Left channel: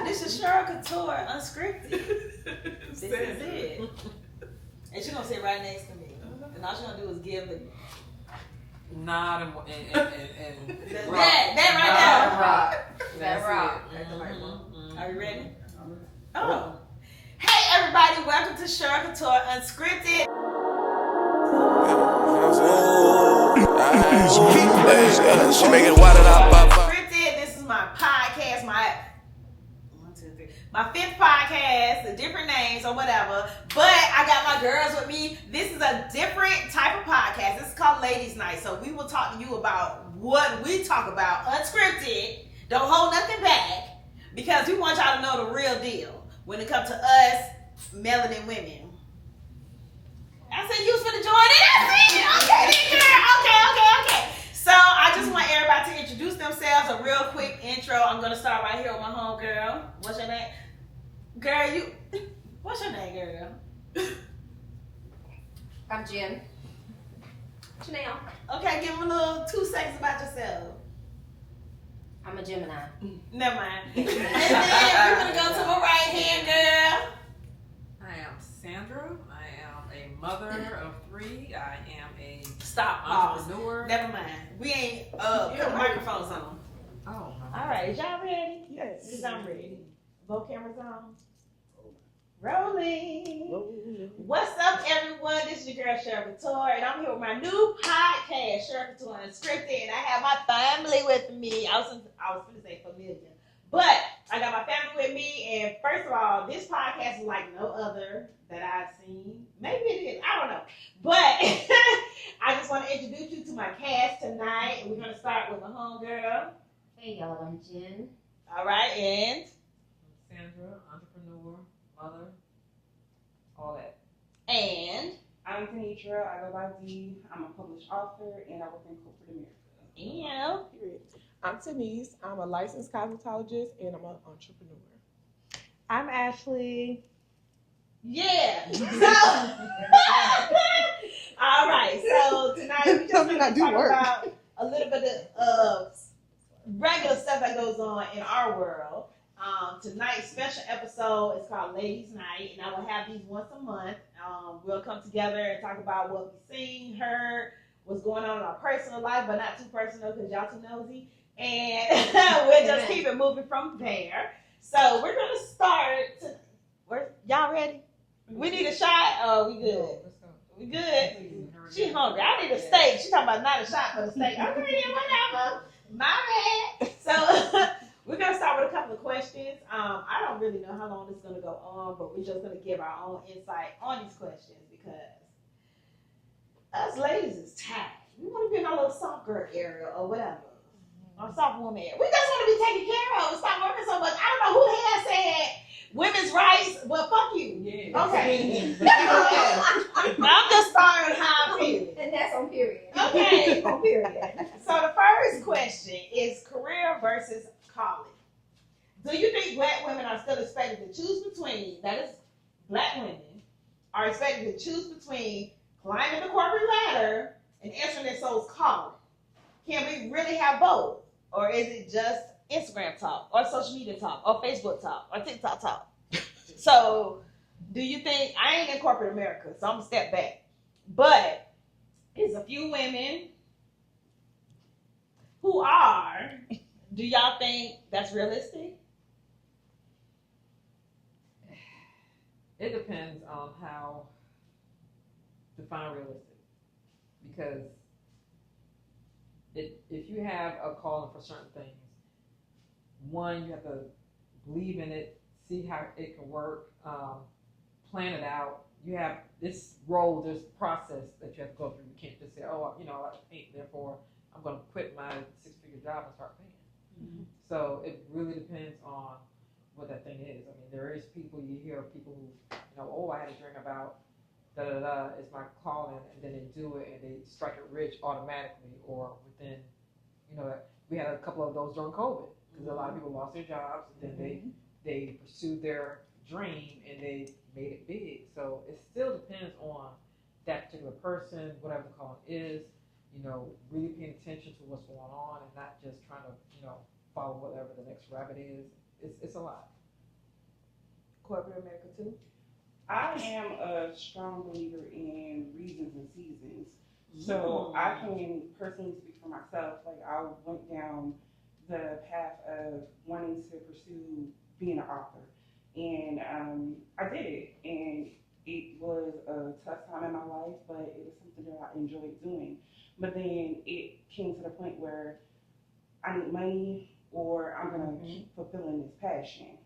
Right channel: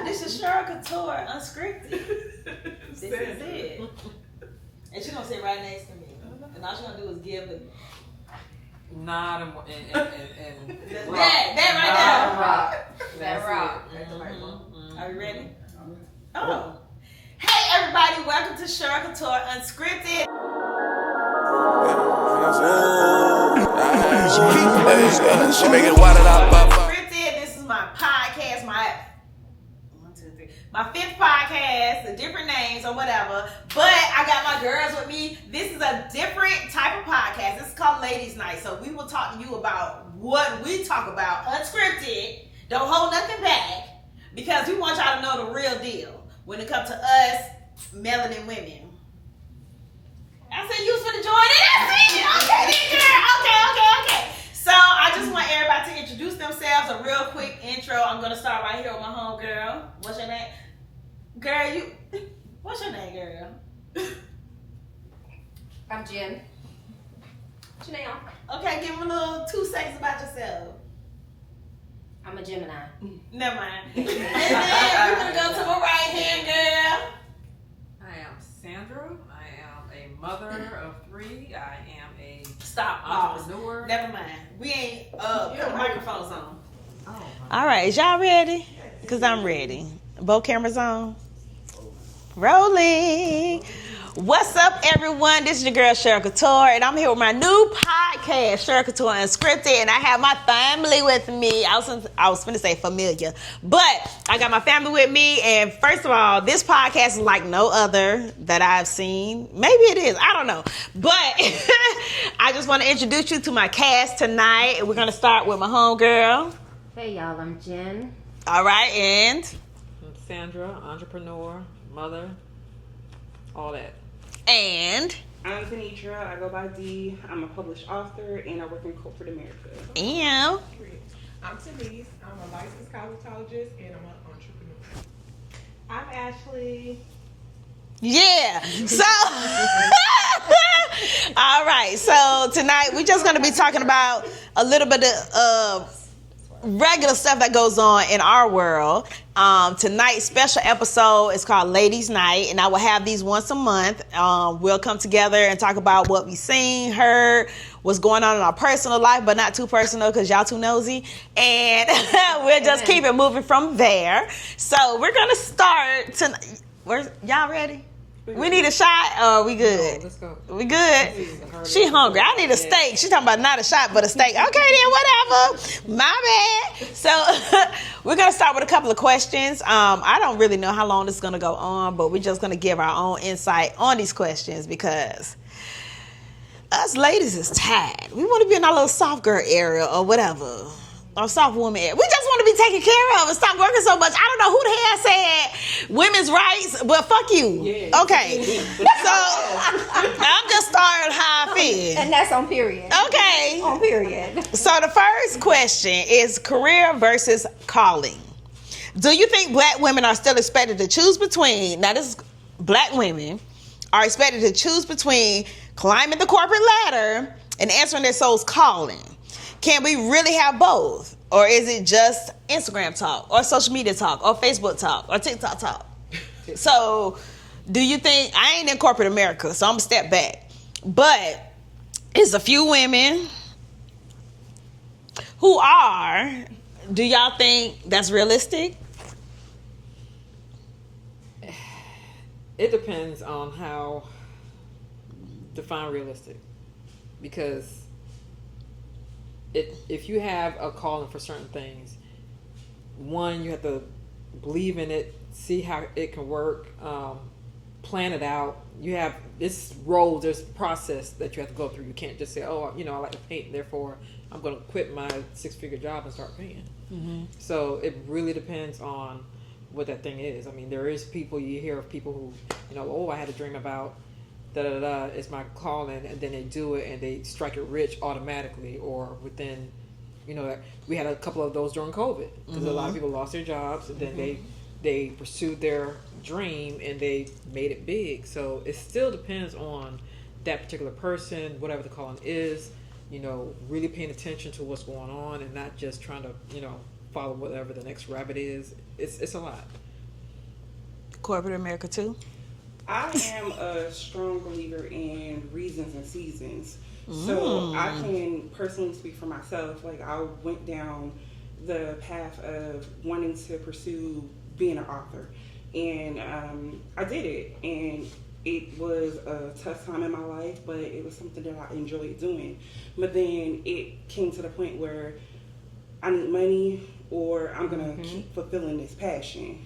This is Cheryl Couture Unscripted. This is it. And she's gonna sit right next to me. And all she's gonna do is give the nod and that right there. Rock. That rock. Are you ready? Oh. Hey everybody, welcome to Cheryl Couture Unscripted. She make it wild out. Unscripted. This is my podcast, my fifth podcast, the different names or whatever. But I got my girls with me. This is a different type of podcast. This is called Ladies Night. So we will talk to you about what we talk about unscripted. Don't hold nothing back because we want y'all to know the real deal when it comes to us melanin women. I said you was finna join it. I see. Okay, then, girl. Okay. So I just want everybody to introduce themselves. A real quick intro. I'm gonna start right here with my home girl. What's your name? Girl, what's your name, girl? I'm Jen. Janelle. Okay, give them a little 2 seconds about yourself. I'm a Gemini. Never mind. And then we're gonna go to my right hand girl. I am Sandra. I am a mother of 3. I am a Pause. entrepreneur. Never mind. We ain't put the microphones on. Oh, All right, is y'all ready? Because I'm ready. Both cameras on. Rolling. What's up, everyone? This is your girl, Cheryl Couture, and I'm here with my new podcast, Cheryl Couture Unscripted, and I have my family with me. I was finna say familiar, but I got my family with me, and first of all, this podcast is like no other that I've seen. Maybe it is. I don't know. But I just want to introduce you to my cast tonight. We're going to start with my homegirl. Hey, y'all. I'm Jen. All right, and... I'm Sandra, entrepreneur, mother, all that. And... I'm Kenitra. I go by D. I'm a published author and I work in corporate America. And... I'm Denise. I'm a licensed cosmetologist and I'm an entrepreneur. I'm Ashley. Yeah. So, all right. So tonight we're just going to be talking about a little bit of regular stuff that goes on in our world. Tonight's special episode is called Ladies Night, and I will have these once a month. We'll come together and talk about what we've seen, heard, what's going on in our personal life, but not too personal because y'all too nosy. And we'll just keep it moving from there. So we're going to start tonight. Y'all ready? We need a shot or we good? Let's go. We good? She hungry. I need a steak. She talking about not a shot, but a steak. Okay, then whatever. My bad. So we're going to start with a couple of questions. I don't really know how long this is going to go on, but we're just going to give our own insight on these questions because us ladies is tired. We want to be in our little soft girl area or whatever. Or soft woman area. We just want to be taken care of and stop working so much. I don't know who the hell said women's rights, but fuck you. Yeah. Okay. So I'm just starting how I feel. And that's on period. Okay. On period. So the first question is career versus calling. Do you think black women are still expected to choose between, now this is black women, are expected to choose between climbing the corporate ladder and answering their soul's calling? Can we really have both? Or is it just Instagram talk or social media talk or Facebook talk or TikTok talk? So do you think, I ain't in corporate America, so I'm gonna step back. But it's a few women who are. Do y'all think that's realistic? It depends on how define realistic. Because if you have a calling for certain things, one, you have to believe in it, see how it can work, plan it out. You have this role, there's a process that you have to go through. You can't just say, oh, I like to paint, therefore I'm going to quit my 6-figure job and start painting. Mm-hmm. So it really depends on what that thing is. I mean, there is people, you hear of people who, I had a dream about it's my calling, and then they do it and they strike it rich automatically or within, we had a couple of those during COVID because a lot of people lost their jobs and then they pursued their dream and they made it big. So it still depends on that particular person, whatever the calling is, really paying attention to what's going on and not just trying to, follow whatever the next rabbit is. it's a lot. Corporate America too. I am a strong believer in reasons and seasons. So I can personally speak for myself. Like, I went down the path of wanting to pursue being an author. And I did it. And it was a tough time in my life, but it was something that I enjoyed doing. But then it came to the point where I need money, or I'm going to keep fulfilling this passion.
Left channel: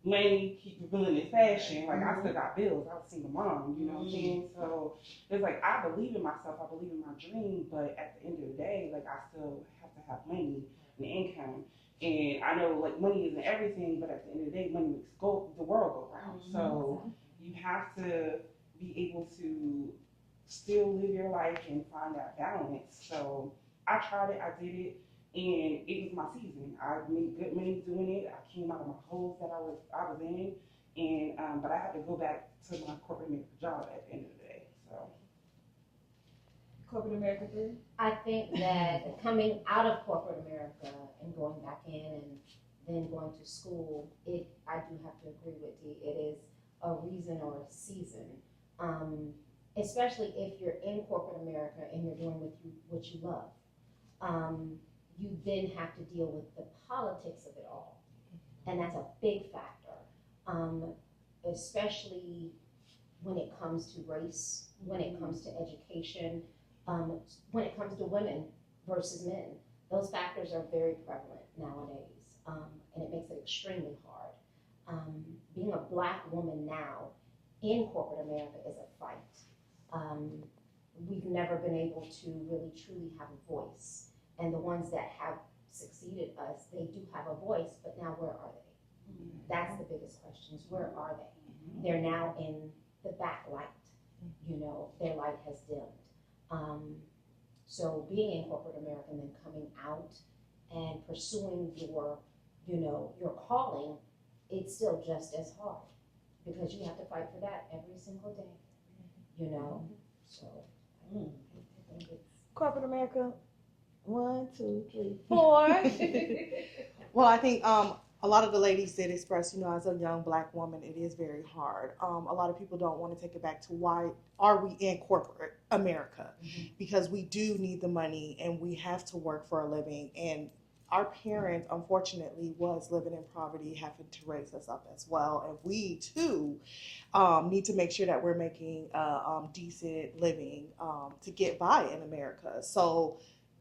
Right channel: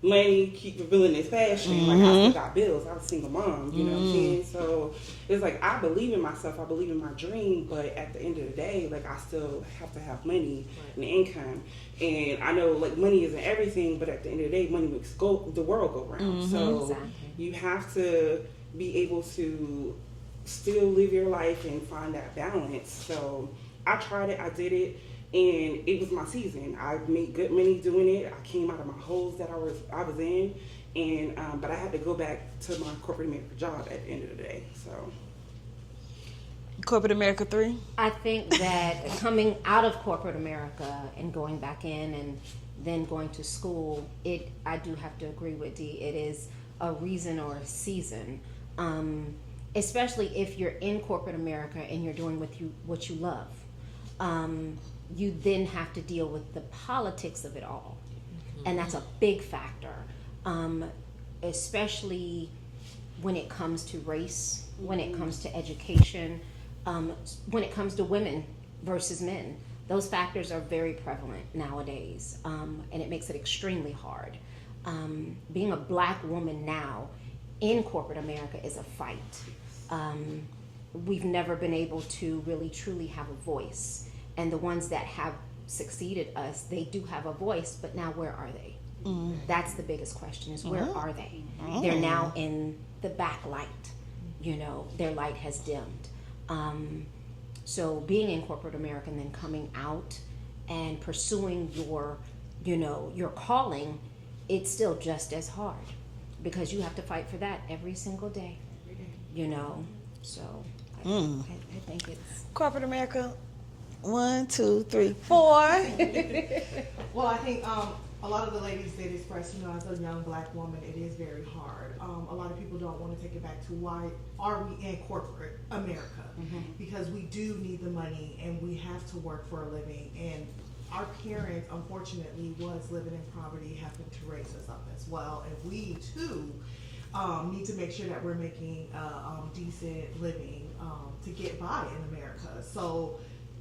Money, keep fulfilling this passion. Like, I still got bills. I was a single mom, you know what I'm saying? So it's like, I believe in myself. I believe in my dream. But at the end of the day, like, I still have to have money and income. And I know, like, money isn't everything, but at the end of the day, money makes the world go round. So you have to be able to still live your life and find that balance. So I tried it. I did it. And it was my season. I made good money doing it. I came out of my holes that I was in, and but I had to go back to my corporate America job at the end of the day. So, Corporate America 3. I think that coming out of corporate America and going back in and then going to school, I do have to agree with Dee. It is a reason or a season, especially if you're in corporate America and you're doing what you love. You then have to deal with the politics of it all. And that's a big factor, especially when it comes to race, when it comes to education, when it comes to women versus men. Those factors are very prevalent nowadays, and it makes it extremely hard. Being a black woman now in corporate America is a fight. We've never been able to really truly have a voice. And the ones that have succeeded us, they do have a voice, but now where are they? That's the biggest question, is where are they? They're now in the backlight. Their light has dimmed. So being in corporate America and then coming out and pursuing your calling, it's still just as hard, because you have to fight for that every single day. So I think it's Corporate America 1, 2, 3, 4. Well, I think a lot of the ladies did express, as a young black woman, it is very hard. A lot of people don't want to take it back to why are we in corporate America? Because we do need the money and we have to work for a living. And our parents, unfortunately, was living in poverty, having to raise us up as well. And we, too, need to make sure that we're making a decent living to get by in America. So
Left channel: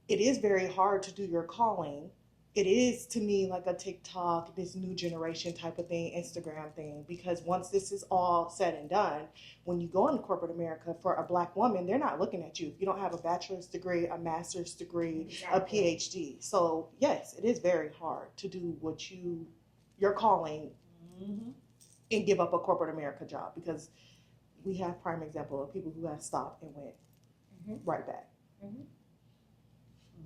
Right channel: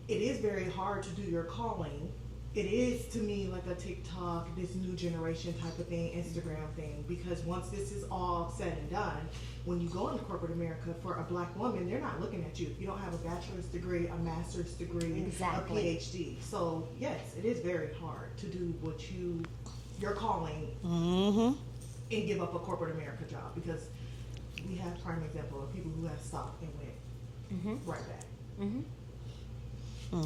it is very hard to do your calling. It is, to me, like a TikTok, this new generation type of thing, Instagram thing, because once this is all said and done, when you go into corporate America, for a black woman, they're not looking at you. You don't have a bachelor's degree, a master's degree, a PhD. So yes, it is very hard to do what your calling and give up a corporate America job, because we have prime example of people who have stopped and went right back.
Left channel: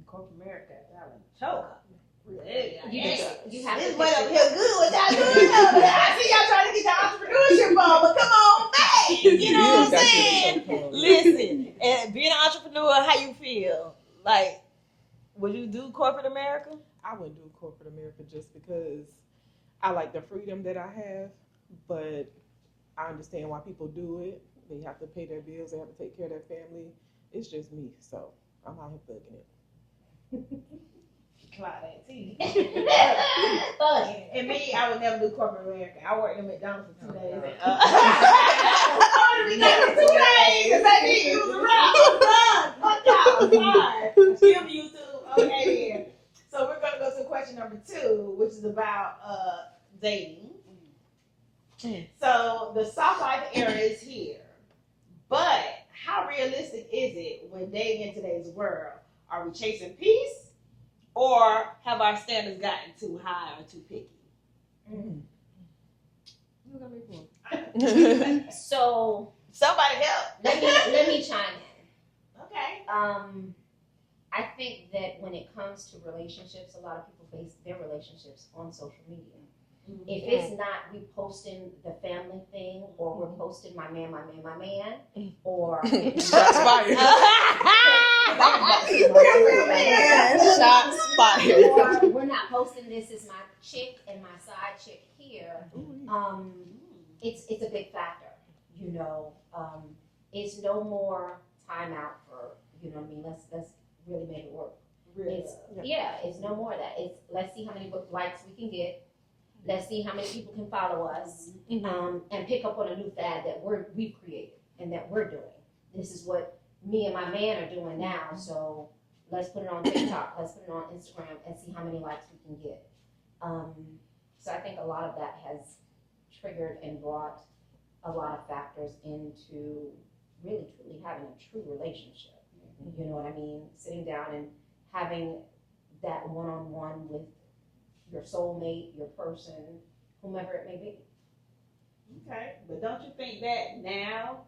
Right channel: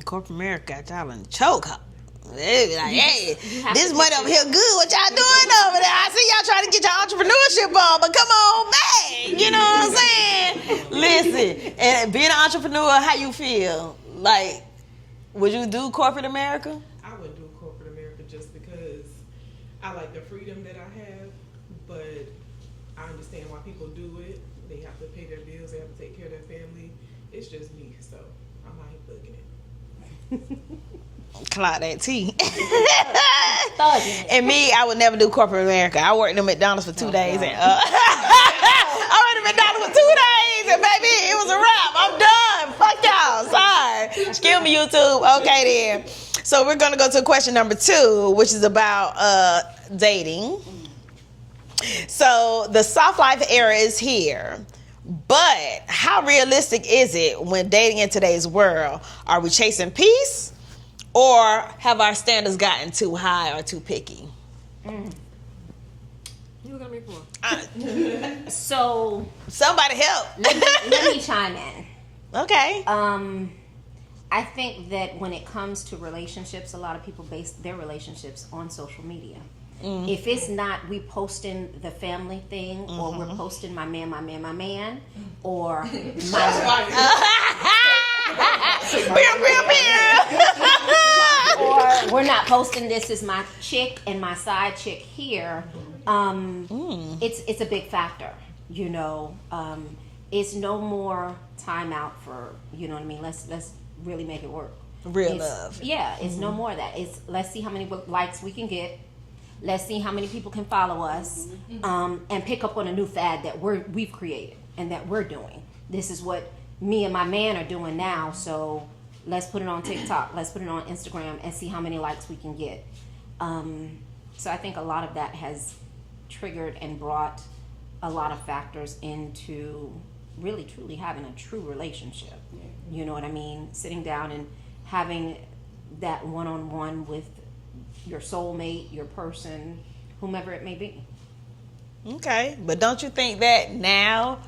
Corporate America got y'all in the chokehold. They be like, hey, this money over here good. What y'all doing over there? I see y'all trying to get your entrepreneurship on, but come on back. You know what I'm saying? Listen, and being an entrepreneur, how you feel? Like, would you do corporate America? I wouldn't do corporate America just because I like the freedom that I have, but I understand why people do it. They have to pay their bills, they have to take care of their family. It's just me, so I'm out here thugging it. Clock that tea. And me, I would never do corporate America. I worked at McDonald's for 2 days, and I worked at McDonald's for 2 days, and baby, it was a wrap. I'm done. Fuck y'all. Sorry. Excuse me, YouTube. Okay then. So we're gonna go to question number 2, which is about dating. So the soft life era is here. But how realistic is it when dating in today's world? Are we chasing peace, or have our standards gotten too high or too picky? You look at me for? So Somebody help. let me chime in. Okay. I think that when it comes to relationships, a lot of people base their relationships on social media. If it's not we posting the family thing, or we're posting my man, or or we're not posting this as my chick and my side chick here. It's a big factor, you know. It's no more time out for, you know what I mean. Let's really make it work. Real love. Yeah, it's no more of that. It's let's see how many likes we can get. Let's see how many people can follow us, and pick up on a new fad that we've created and that we're doing. This is what me and my man are doing now. So let's put it on TikTok. Let's put it on Instagram and see how many likes we can get. So I think a lot of that has triggered and brought a lot of factors into really truly having a true relationship. You know what I mean? Sitting down and having that one-on-one with your soulmate, your person, whomever it may be. Okay, but don't you think that now,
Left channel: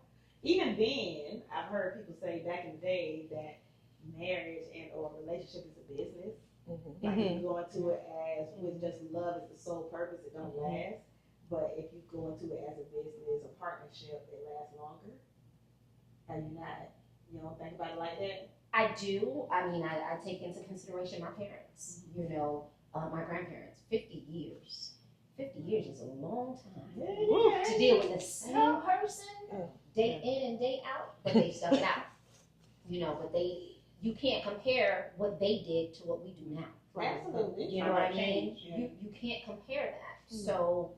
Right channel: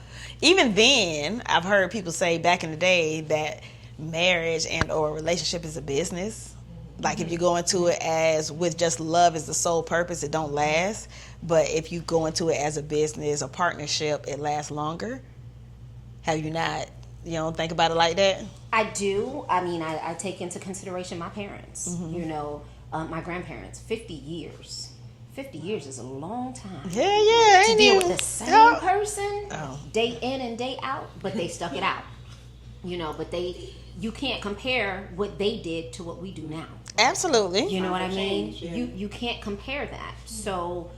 even then, I've heard people say back in the day that marriage and or relationship is a business. Like if you go into it as with just love as the sole purpose, it don't last. But if you go into it as a business or partnership, it lasts longer. Have you not, you don't think about it like that? I do. I mean, I take into consideration my parents, you know, my grandparents, 50 years. 50 years is a long time. Yeah. To deal with the same person day in and day out, but they stuck it out. You know, but you can't compare what they did to what we do now. Absolutely. You know what I mean? You can't compare that. So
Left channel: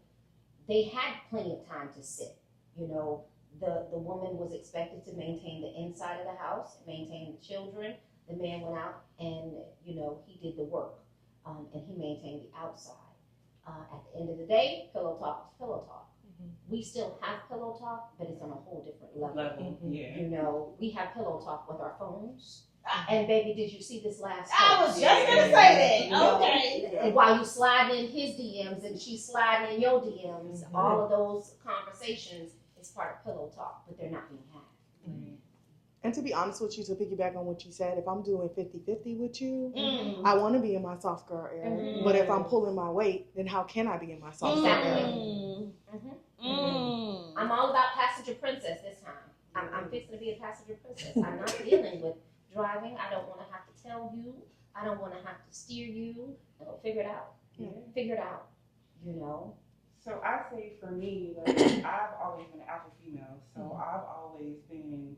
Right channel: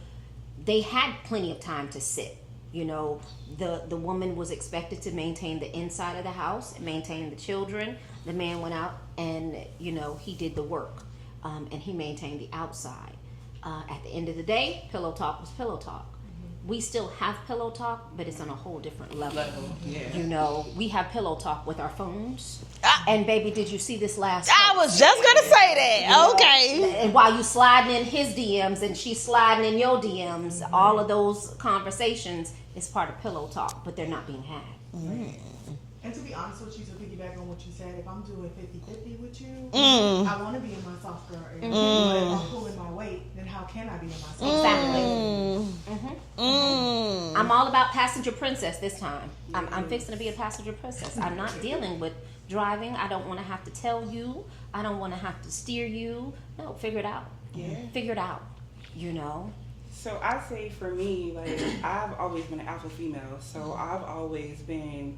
they had plenty of time to sit. You know, the woman was expected to maintain the inside of the house, maintain the children. The man went out and, you know, he did the work, and he maintained the outside. At the end of the day, pillow talk was pillow talk. We still have pillow talk, but it's on a whole different level. You know, we have pillow talk with our phones. And baby, did you see this last post? I was just gonna say that. Okay. And while you sliding in his DMs and she's sliding in your DMs, all of those conversations is part of pillow talk, but they're not being had. And to be honest with you, to piggyback on what you said, if I'm doing 50-50 with you, I want to be in my soft girl area. But if I'm pulling my weight, then how can I be in my soft girl area? I'm all about passenger princess this time. I'm fixing to be a passenger princess. I'm not dealing with driving. I don't want to have to tell you. I don't want to have to steer you. No, figure it out. Figure it out, you know. So I say for me, like, I've always been an alpha female. So I've always been,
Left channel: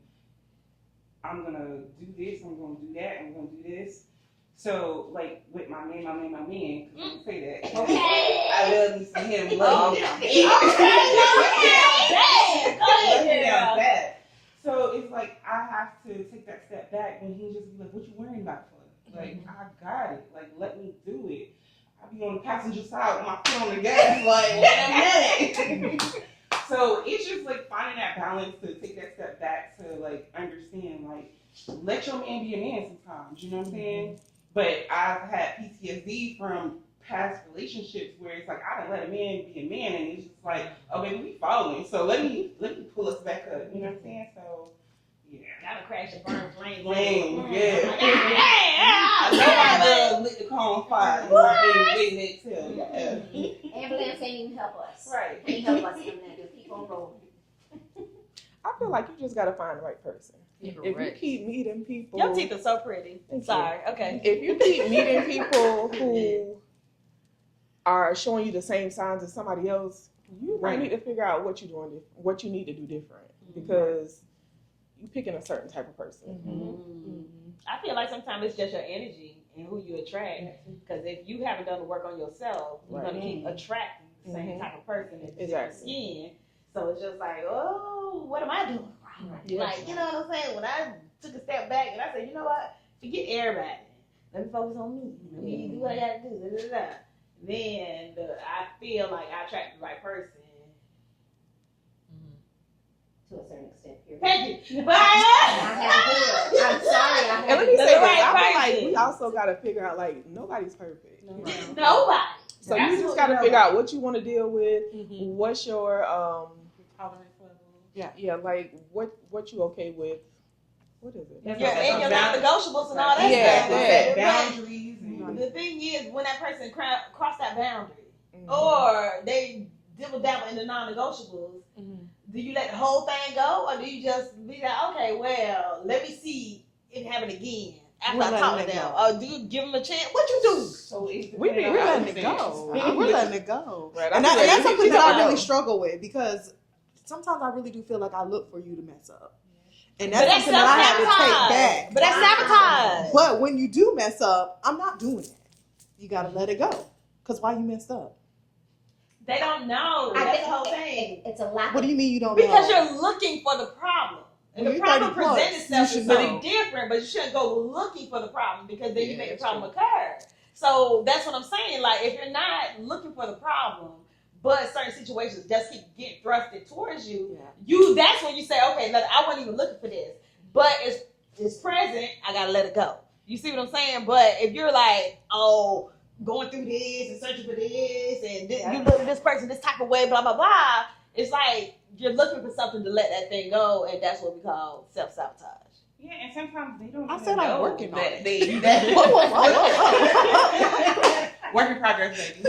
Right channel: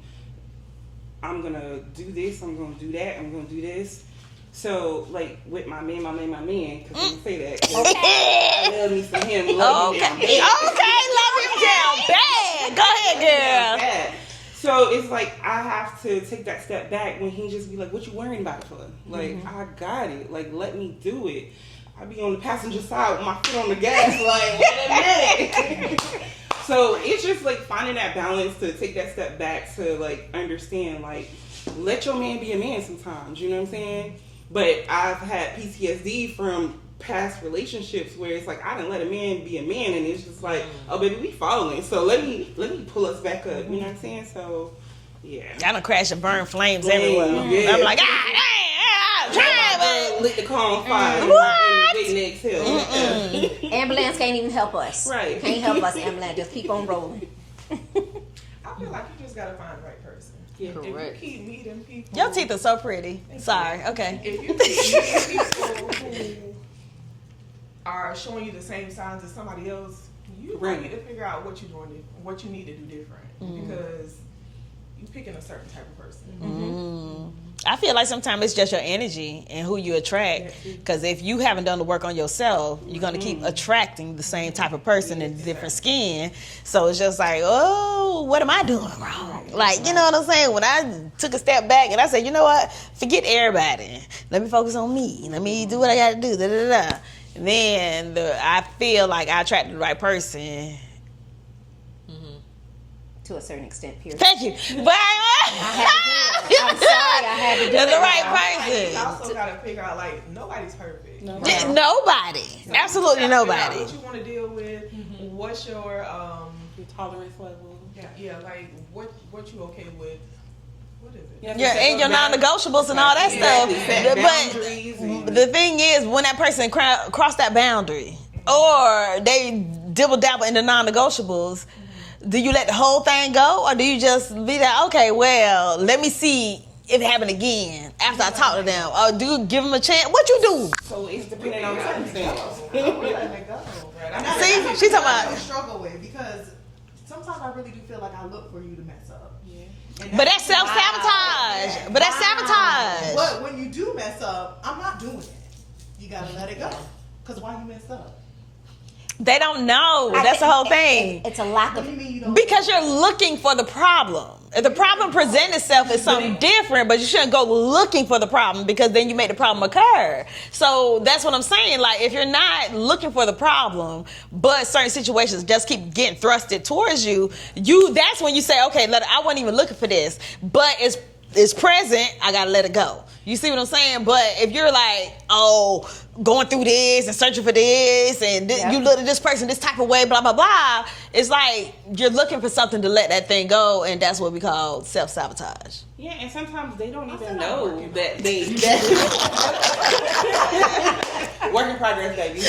I'm going to do this, I'm going to do that, I'm going to do this. So, like, with my man, because I'm going to say that. I love me some him. Love me down bad. Go ahead, girl. So, it's like, I have to take that step back when he just be like, what you worrying about it for? Like, I got it. Like, let me do it. I be on the passenger side with my foot on the gas, like, wait a minute. So it's just like finding that balance to take that step back to like understand, like, let your man be a man sometimes, you know what I'm saying? But I've had PTSD from past relationships where it's like I didn't let a man be a man, and it's just like, oh baby, we following, so let me pull us back up, you know what I'm saying? So yeah, I done crash and burn flames everywhere. Yeah. I'm like, lit the car on fire. Ambulance can't even help us. Right. Can't help us, ambulance. Just keep on rolling. I feel like you just gotta find the right person. Yeah, if you keep meeting people, your teeth are so pretty. Sorry, okay. If you keep meeting people who are showing you the same signs as somebody else, you might need to figure out what you're doing, what you need to do different, because you're picking a certain type of person. I feel like sometimes it's just your energy and who you attract. Because if you haven't done the work on yourself, you're going to keep attracting the same type of person in different skin. So it's just like, oh, what am I doing wrong? Like, you know what I'm saying? When I took a step back and I said, you know what? Forget everybody. Let me focus on me. Let me do what I got to do. Then I feel like I attracted the right person. To a certain extent, period. Thank you. But I'm sorry, I had to do the that. right person. You also gotta figure out, like, nobody's perfect. Nobody. So Absolutely you just gotta figure out nobody. what you want to deal with. What's your tolerance level. Yeah, like what you okay with? What is it? Yeah, and your non-negotiables and all that stuff. Boundaries. But the thing is, when that person cross that boundary, or they dibble-dabble in the non-negotiables, do you let the whole thing go, or do you just be like, okay, well, let me see if it happened again after I We're talk to letting it them? go. Or do you give them a chance? What you do? So it's We're depending on how letting it go. We're letting it go. Right. And that's See? something She's that talking I about really that. struggle with because sometimes I really do feel like I look for you to mess up. And But that's something that I have to take self-sabotage. back. But that's sabotage. But when you do mess up, I'm not doing it. You gotta let it go. Because why you messed up? They don't know. That's the whole thing. It's a lack What of do you mean you don't Because know? you're looking for the problem. If the You problem gotta presents look. itself You as should something know. different, but you shouldn't go looking for the problem because then you make the problem occur. So that's what I'm saying. Like, if you're not looking for the problem, but certain situations just keep getting thrusted towards you, that's when you say, okay, I wasn't even looking for this, but it's present. I gotta let it go. You see what I'm saying? But if you're like, oh, going through this and searching for this, and you look at this person this type of way, blah, blah, blah, it's like you're looking for something to let that thing go, and that's what we call self-sabotage. Yeah, and sometimes they don't even said I'm know working on that it. work in progress, baby.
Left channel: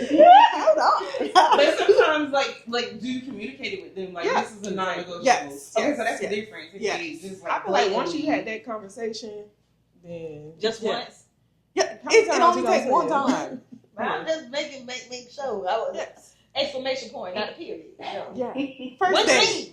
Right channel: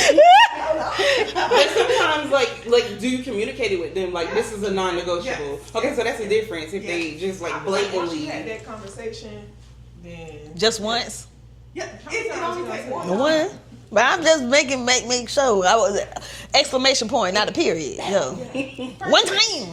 But sometimes, like, do you communicate it with them? Like, this is a non-negotiable. Yes. Okay, so that's Yes. the difference. If they just I like feel like once blatantly. you had that conversation, then Just once? Yeah, it only takes one time. One? But I'm just make sure. I was exclamation point, not a period. Yo. First One date.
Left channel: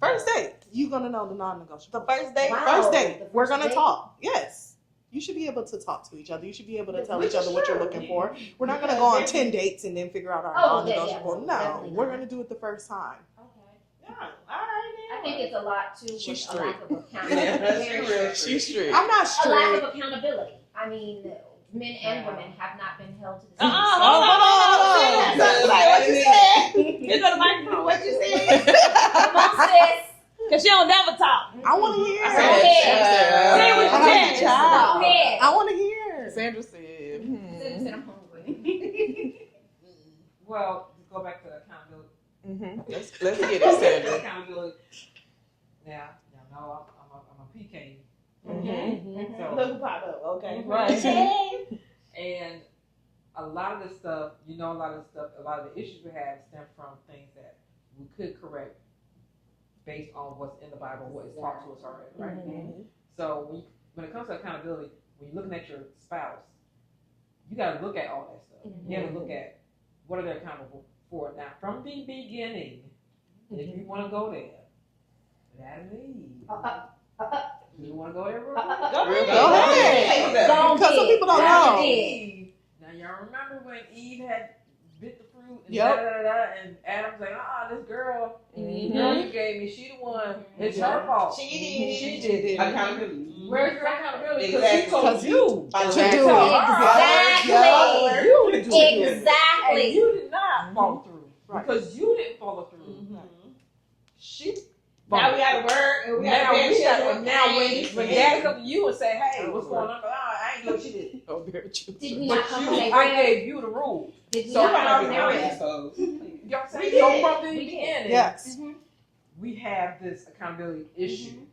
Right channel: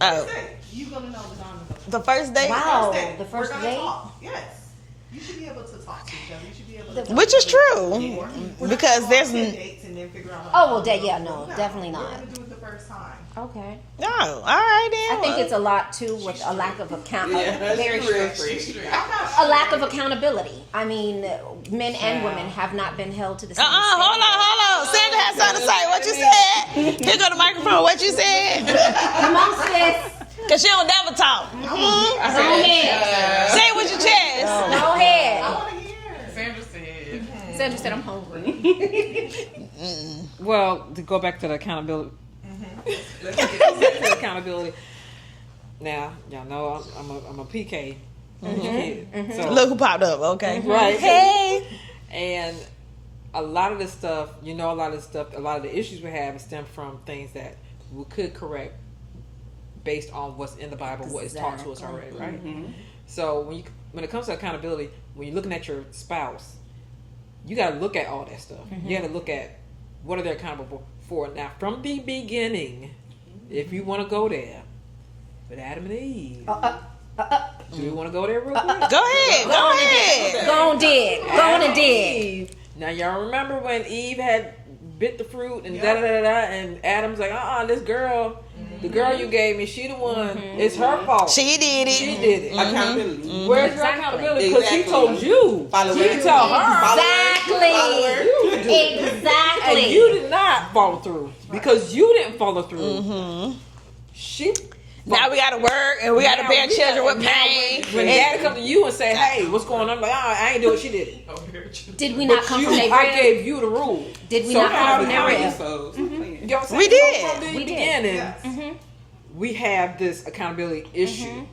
time. First date. You're gonna know the non-negotiable. The first date? Wow. First date. The first We're gonna date? talk. Yes. You should be able to talk to each other. You should be able to tell Which each is other what you're true. looking for. We're not Because gonna go on there's 10 dates and then figure out how Oh, well, non-negotiable. definitely We're not. gonna do it the first time. Okay. No. All right then. I think it's a lot too with a lack of accountability. Very strict. She's strict. I'm not A sure. lack of accountability. I mean, men and women have not been held to the same Hold on. Sandra has something to say. What you said? Here go the microphone. What you said? Come on, sis. Because she don't never talk. I want to hear. Go ahead. Say it with your chest. Go ahead. I want to hear. Sandra said, Sandra said I'm hungry. Well, to go back to the accountability. Let's get it. Accountability. Now, y'all know I'm a PK. So, Look who popped up. Okay. Right. Hey. And a lot of this stuff, a lot of the issues we have stem from things that we could correct based on what's in the Bible, what is taught to us already, right? So when it comes to accountability, when you're looking at your spouse, you got to look at all that stuff. You got to look at what are they accountable for. Now, from the beginning, if you want to go there, with Adam and Eve, do you want to go there real quick? Go ahead. Go on, dig. Go on and dig. Eve. Now, y'all remember when Eve had bit the fruit and Yep. and Adam's like, this girl, the girl you gave me, she the one. It's her fault. She did it. She did it. Accountability. Where's your accountability? Because she Exactly. told you. Follow She that. didn't tell her. Exactly. And Exactly. you did not follow through because you didn't follow through. She. Now we got to work and we got to bear children with pain. When dad come to you and say, "Hey, what's going on?" I'm like, I ain't doing it. She did it. Did we not come from I their rib? gave you the rule. Did we So not come how from do their you- rib? So, You know what I'm saying? We did. So from the We did. beginning, Yes. we have this accountability issue.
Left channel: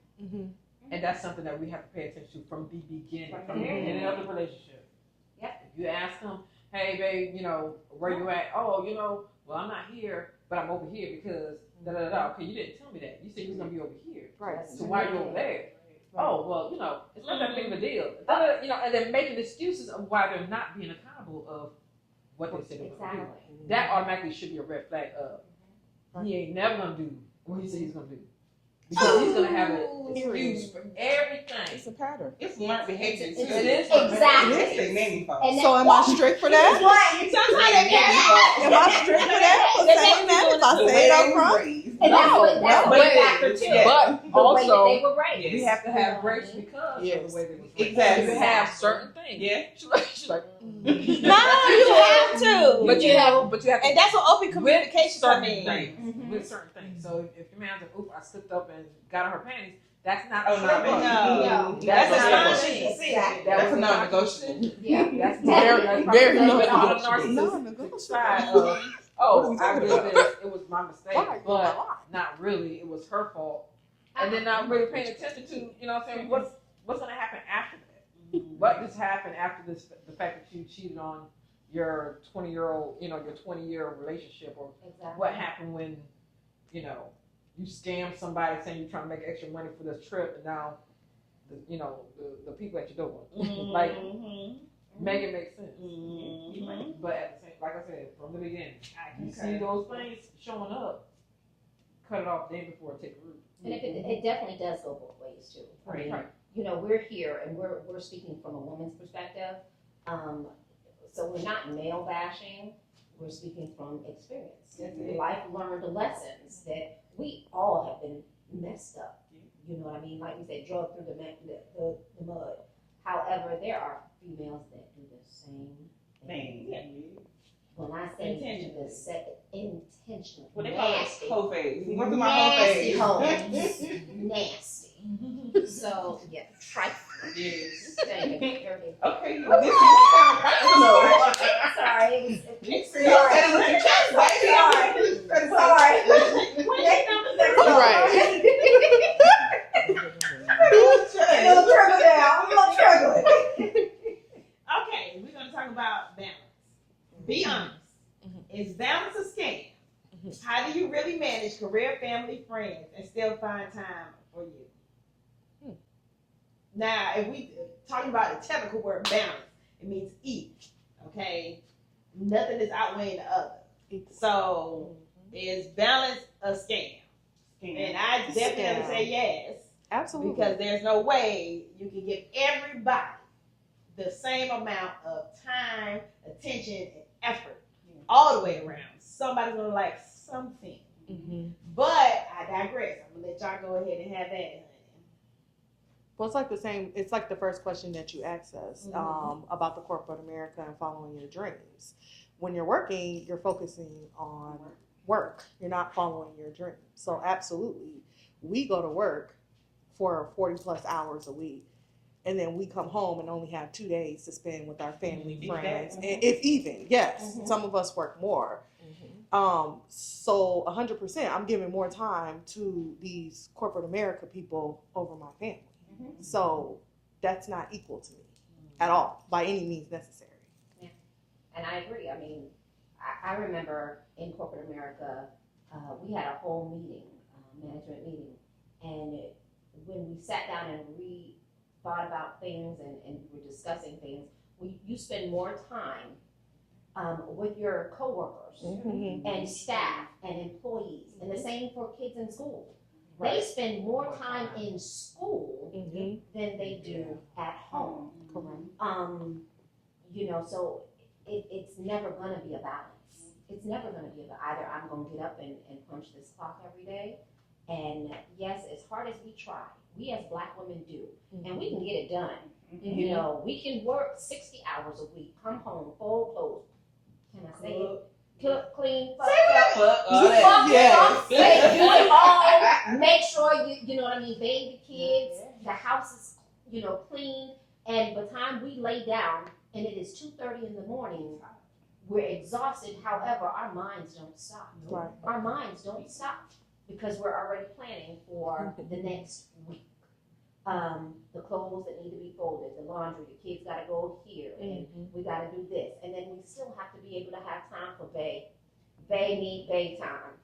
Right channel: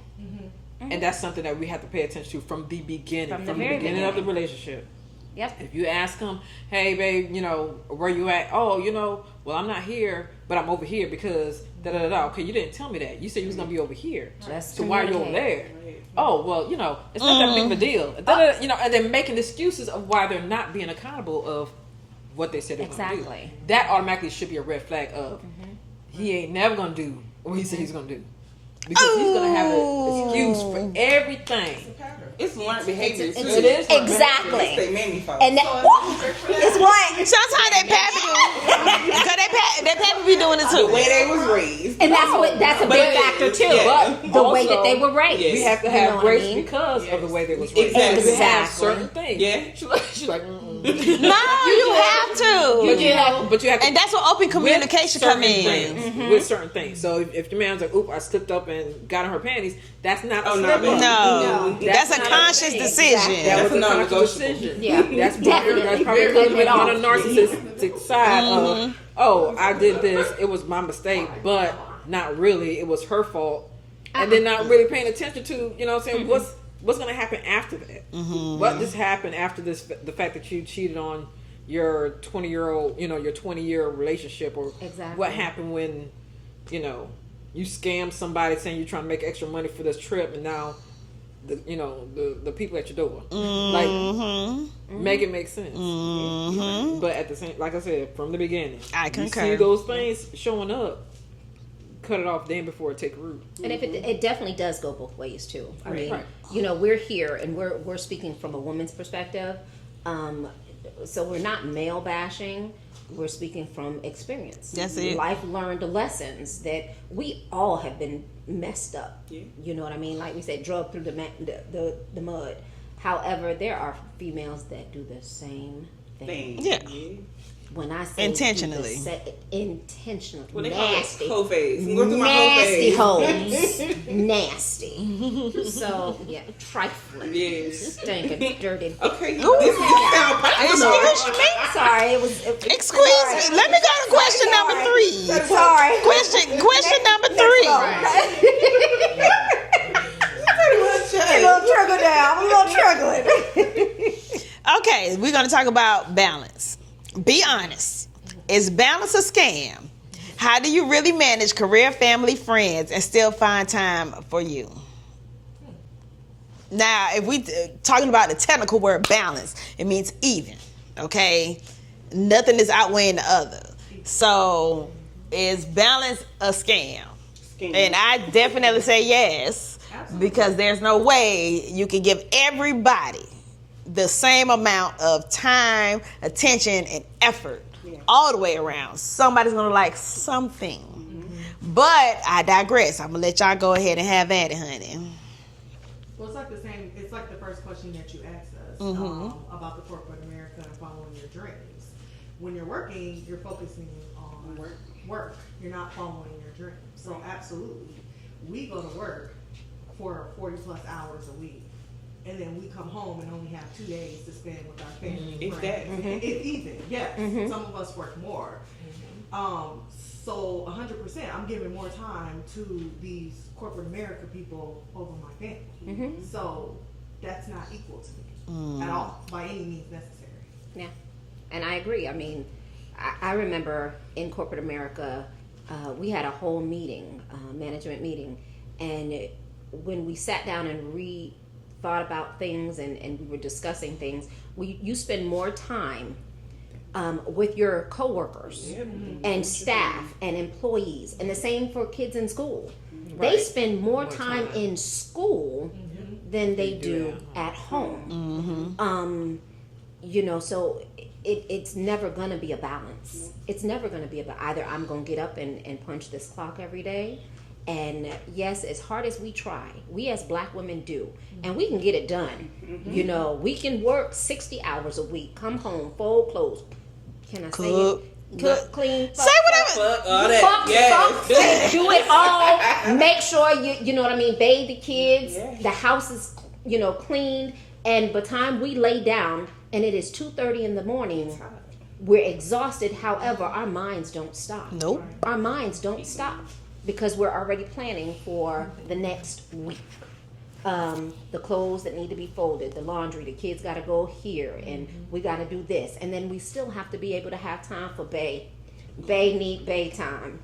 And that's something that we have to pay attention to from the beginning, From from the the very beginning of the beginning. relationship. Yep. If you ask them, hey, babe, where you at? Oh, well, I'm not here, but I'm over here because da-da-da-da. Okay, you didn't tell me that. You said you was going to be over here. Just So why are you over communicate. there? Oh, well, it's not that big of a deal. Da-da-da, and then making excuses of why they're not being accountable of what they said they were going to do. Exactly. That automatically should be a red flag of he ain't never going to do what he said he's going to do. Because he's going to have an excuse for everything. it's a pattern. it's learned behavior too. It is. Exactly. They made me fall. And So am I strict for that? Sometimes they pattern be doing it the too. way they was raised. And that's a But big it factor is, too. yeah. But The way that also, they were raised. Yes. we have to You have know what I grace mean? because of the way they was raised. Exactly. You have Exactly. certain things. Yeah. She's like, mm-mm. No, you have to. But you have to. And that's where open communication with come certain in. things, with certain things. So if your man's like, "Oop, I slipped up and got in her panties," that's not a Oh, slip no, up. No, that's a not conscious thing. decision. That was That's a a conscious non-negotiable. decision. Yeah. That's probably Very coming on a good. narcissistic side of, oh, I did this. It was my mistake, but not really. It was her fault, and then not really paying attention to, what I'm saying, what's going to happen after that? What just happened after this? The fact that you cheated on your 20-year-old, your 20-year relationship, or Exactly. what happened when, you scammed somebody saying you're trying to make extra money for this trip, and now the people at your door. Like, make it make sense. But at the same, like I said, from the beginning, I you concur. see those things showing up, cut it off then before it take root. And if it definitely does go both ways too. I mean, we're here and we're speaking from a woman's perspective. So we're not male bashing. We're speaking from experience. That's it. Life learned lessons that we all have been messed up. Yeah. You know what I mean? Like we said, drugged through the mud. However, there are females that do the same thing. Yeah. When I say intentionally. Intentionally. Well, they call it nasty. whole phase. You go through my whole phase. Nasty hoes. Nasty. So, yeah, trifling. Yes. Stinking, dirty. Okay, this is sound Sorry, it was. Excuse me. Let me go to question number 3. Sorry. Question number 3. We're gonna trigger down. We're gonna trigger it. Okay, we're going to talk about balance. Be honest. Is balance a scam? How do you really manage career, family, friends, and still find time for you? Now, if we talking about the technical word balance, it means even, okay? Nothing is outweighing the other. So, is balance a scam? And I definitely say yes. Absolutely. Because there's no way you can give everybody the same amount of time, attention, and effort all the way around. Somebody's gonna like something. But I digress. I'm gonna let y'all go ahead and have at it, honey. Well, it's like the same. It's like the first question that you asked us about the corporate America and following your dreams. When you're working, you're focusing on work. You're not following your dreams. So absolutely, we go to work for 40 plus hours a week, and then we come home and only have 2 days to spend with our family and friends. If even, yes, some of us work more. So 100%, I'm giving more time to these corporate America people over my family. So that's not equal to me at all, by any means necessary. Yeah, and I agree. I mean, I remember in corporate America, we had a whole meeting, management meeting, and when we sat down and thought about things and we were discussing things, you spend more time with your coworkers and staff and employees, and the same for kids in school. They spend more time in school than they do at home. So it's never going to be a balance. It's never going to be about either I'm going to get up and punch this clock every day. And yes, as hard as we try, we as black women do, and we can get it done. We can work 60 hours a week, come home, fold clothes. Can I say it? Cook, clean, say whatever. Do it all. Make sure you know what I mean. Bathe the kids. The house is cleaned. And by the time we lay down, and it is 2:30 in the morning, we're exhausted. However, our minds don't stop. Nope. Our minds don't stop because we're already planning for the next week. The clothes that need to be folded, the laundry, the kids got to go here, and we got to do this, and then we still have to be able to have time for Bay need Bay time,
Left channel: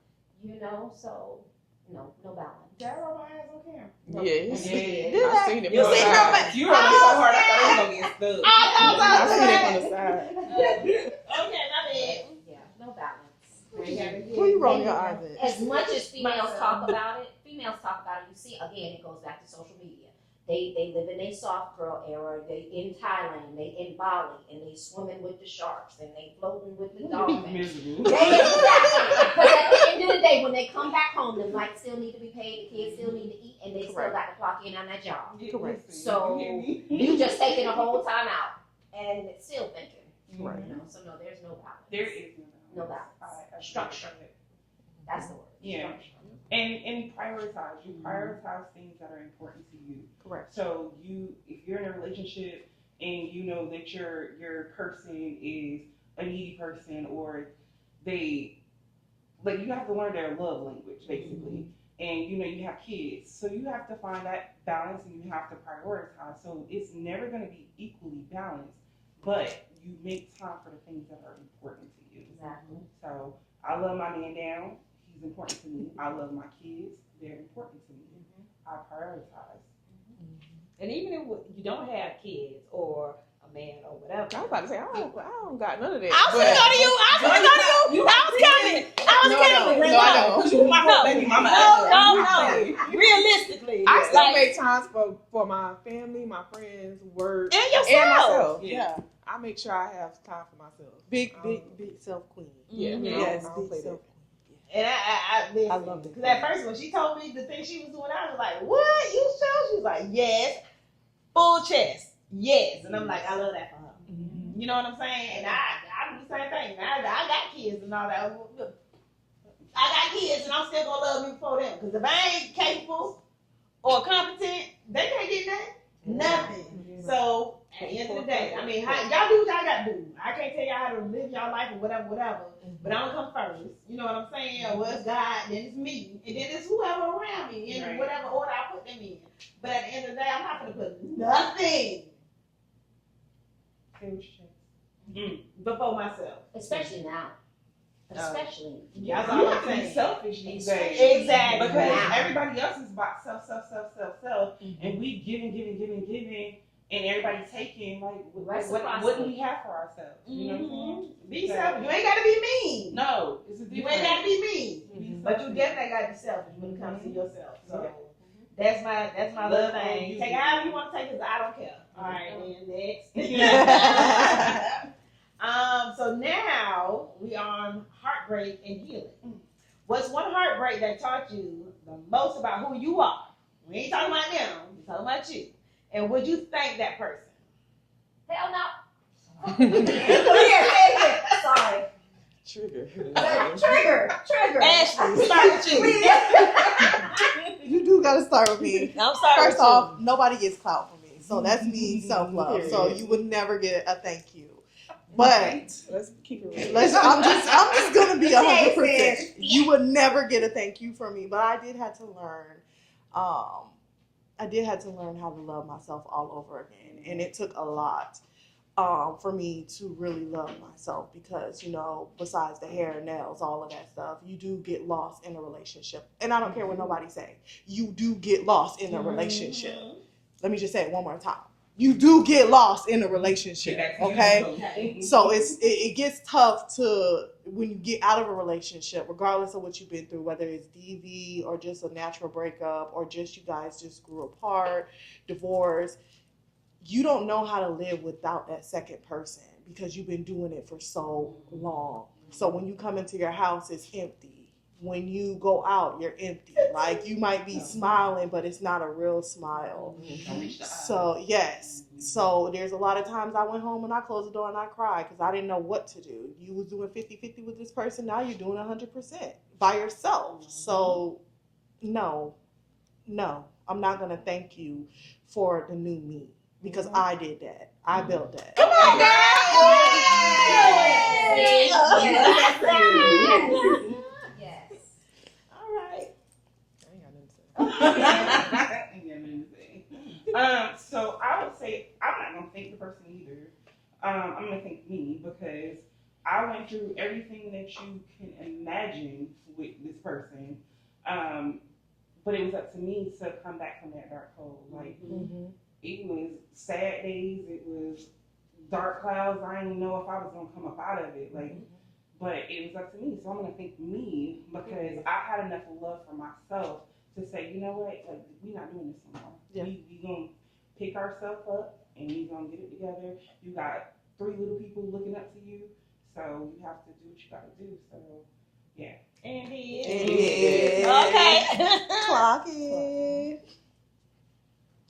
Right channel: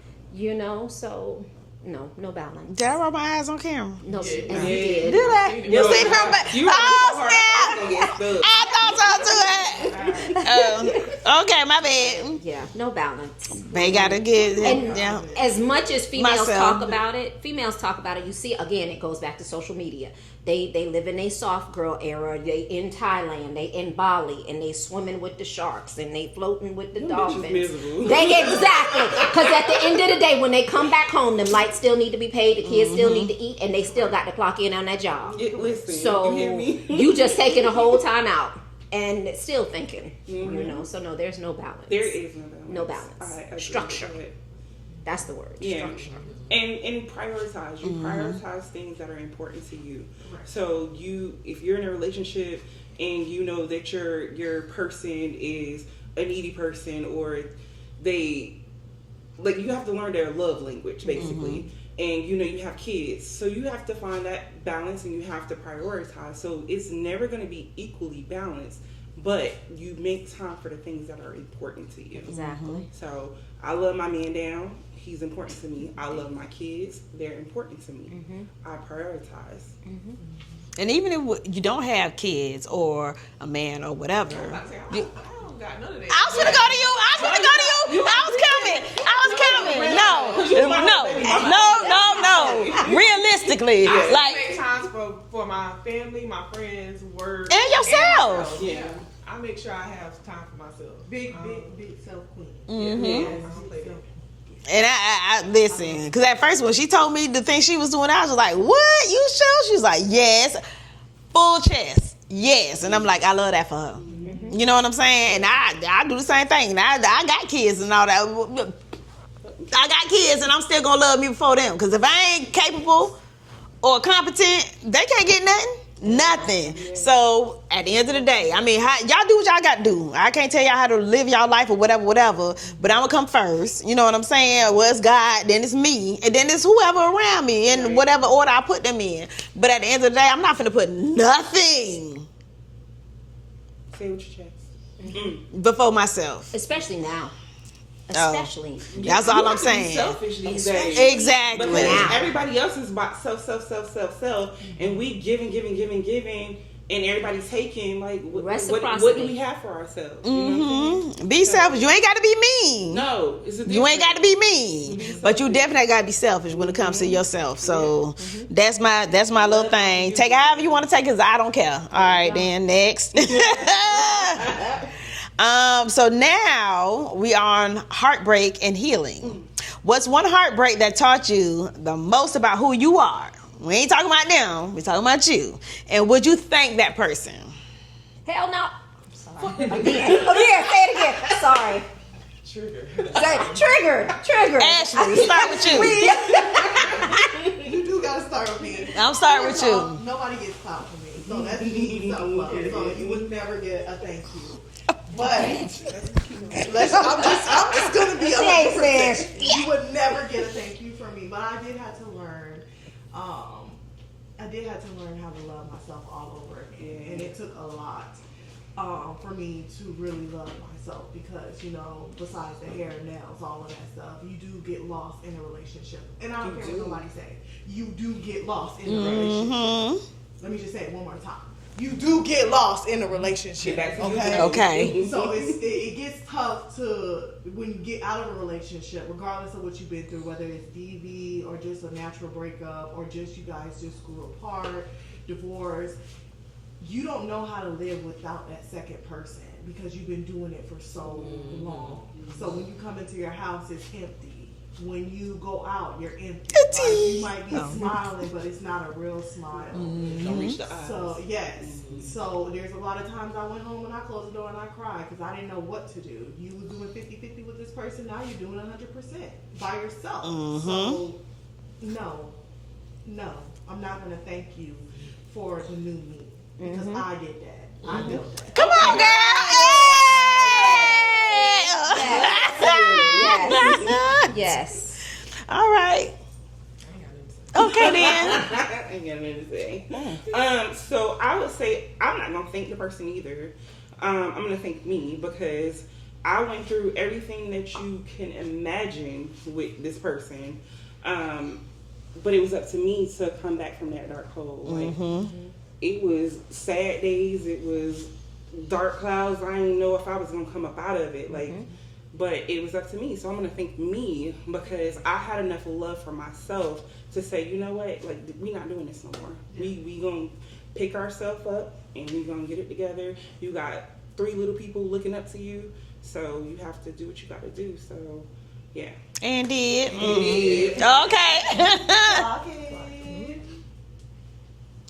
so no balance. Did I roll my eyes on camera? No, Yeah. yes, you did. Did I? You see her? You were so hard. I was gonna get stuck. I thought so too. Okay, my bad. Yeah, no balance. They gotta get And as much as females Myself. talk about it, you see, again, it goes back to social media. They live in a soft girl era. They in Thailand, they in Bali, and they swimming with the sharks, and they floating with the dolphins. Miserable. Exactly. Because at the end of the day, when they come back home, them lights still need to be paid, the kids still need to eat, and they still got to clock in on that job. Listen, So you hear me? you just taking a whole time out and still thinking, So no, there's no balance. There is no balance. No balance. I agree Structure. with it. That's the word. Yeah. Structure. And prioritize. You prioritize things that are important to you. Right. So if you're in a relationship and you know that your person is a needy person, or you have to learn their love language basically. And you have kids, so you have to find that balance and you have to prioritize. So it's never going to be equally balanced, but you make time for the things that are important to you. Exactly. So I love my man down. He's important to me. I love my kids. They're important to me. I prioritize. And even if you don't have kids or a man or whatever. I'm about to say, I don't got none of that. I was gonna go to you. I was coming. No. Realistically, I still like make times for my family, my friends, work, and yourself. myself. Yeah. I make sure I have time for myself. Big self queen. Mm-hmm. Yes, I don't play big that. self. And I listen, because at first when she told me the thing she was doing, I was like, "What? You sure?" She was like, "Yes, full chest, yes." And I'm like, I love that for her. You know what I'm saying? And I do the same thing. And I got kids and all that. I got kids, and I'm still gonna love me before them. Because if I ain't capable or competent, they can't get nothing. So at the end of the day, I mean, y'all do what y'all got to do. I can't tell y'all how to live y'all life or whatever. But I'm gonna come first. You know what I'm saying? Well, it's God, then it's me, and then it's whoever around me in whatever order I put them in. But at the end of the day, I'm not finna put nothing Say what your chest. before myself. Especially now. Oh. Especially. That's all I'm saying. Selfish these days. Exactly. Because everybody else is about self, and we giving, and everybody's taking. Like, what do we have for ourselves? You know what I'm saying? Be selfish. You ain't got to be mean. No, it's a You ain't got to be mean, but you definitely got to be selfish when it comes to yourself. So that's my little thing. Take it however you want to take it, 'cause I don't care. All right, then next. So now we are on heartbreak and healing. What's one heartbreak that taught you the most about who you are? We ain't talking about them. We talking about you. And would you thank that person? Hell no. Sorry. Here, say it again. Sorry. Trigger. Ashley, start with you. You do gotta start with me. I'm starting with First off, you. nobody gets proud from me, so that's me self-love. So you would never get a thank you. But I'm just gonna be 100%. You would never get a thank you from me. But I did have to learn. I did have to learn how to love myself all over again, and it took a lot for me to really love myself because, you know, besides the hair and nails, all of that stuff, you do get lost in a relationship. And I don't care what nobody say. You do get lost in a relationship. Let me just say it one more time. You do get lost in a relationship, okay? Okay. So it gets tough when you get out of a relationship, regardless of what you've been through, whether it's DV or just a natural breakup or just you guys just grew apart, divorce. You don't know how to live without that second person because you've been doing it for so long. So when you come into your house, it's empty. When you go out, you're empty. Like you might be smiling, but it's not a real smile. Don't reach the eyes. So yes. So there's a lot of times I went home and I closed the door and I cried because I didn't know what to do. You were doing 50-50 with this person. Now you're doing 100% by yourself. So no, I'm not going to thank you for the new me because I did that. I built that. Come on, girl. Yes. All right. Okay then. I ain't got nothing to say. So I would say I'm not gonna thank the person either. I'm gonna thank me because I went through everything that you can imagine with this person. But it was up to me to come back from that dark hole. Like it was sad days. It was dark clouds. I didn't know if I was gonna come up out of it. Like. But it was up to me, so I'm gonna thank me because I had enough love for myself to say, you know what, like we not doing this no more. Yeah. We gonna pick ourselves up and we gonna get it together. You got 3 little people looking up to you, so you have to do what you got to do. So, yeah. And did. Okay. Clock it.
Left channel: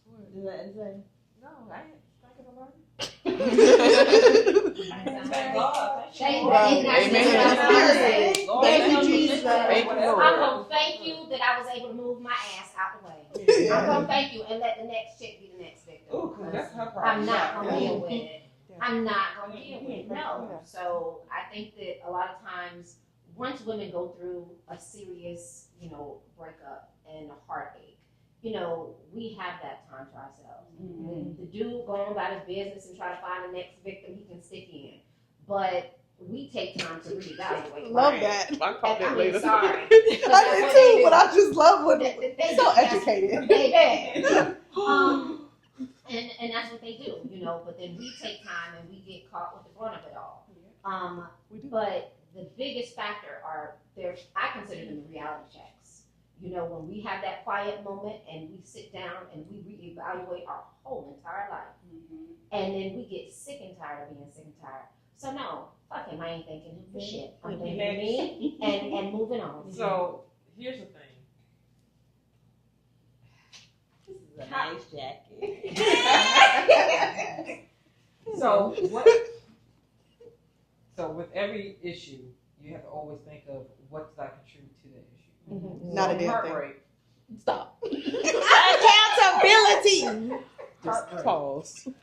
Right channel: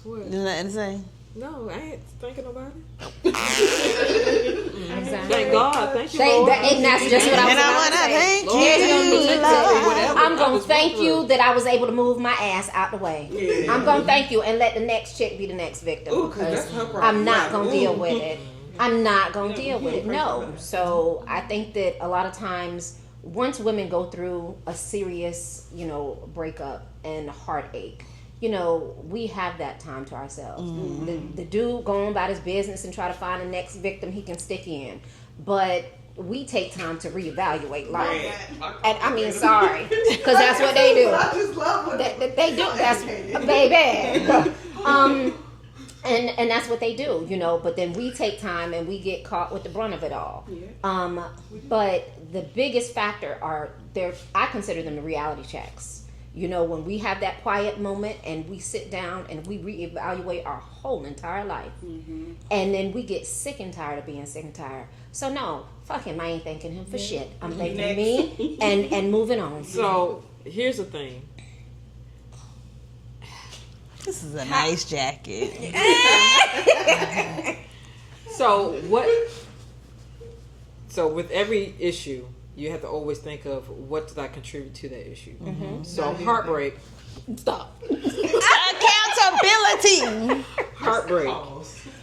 What? Nothing to say. No, I ain't thanking nobody. Exactly. Thank God. Thank you, Lord. And that's just what I was going to say. Thank I'm going to thank you that I was able to move my ass out the way. Yeah. I'm going to thank you and let the next chick be the next victim. Ooh, because that's her problem. I'm not going to deal with it. I'm not going to deal with it. No. So I think that a lot of times once women go through a serious, breakup and heartache, we have that time to ourselves. The dude go on about his business and try to find the next victim he can stick in. But we take time to reevaluate. Love like, that. I mean, sorry. Because that's what they do. But I just love when they don't. That's educated. baby. And that's what they do, you know. But then we take time and we get caught with the brunt of it all. Yeah. But the biggest factor are there. I consider them the reality checks. You know, when we have that quiet moment and we sit down and we reevaluate our whole entire life, and then we get sick and tired of being sick and tired. So no, fuck him. I ain't thanking him for shit. I'm thanking me and moving on. So here's the thing. This is a nice jacket. So with every issue, you have to always think of what did I contribute to that issue. So heartbreak. Stop. Accountability. Heartbreak.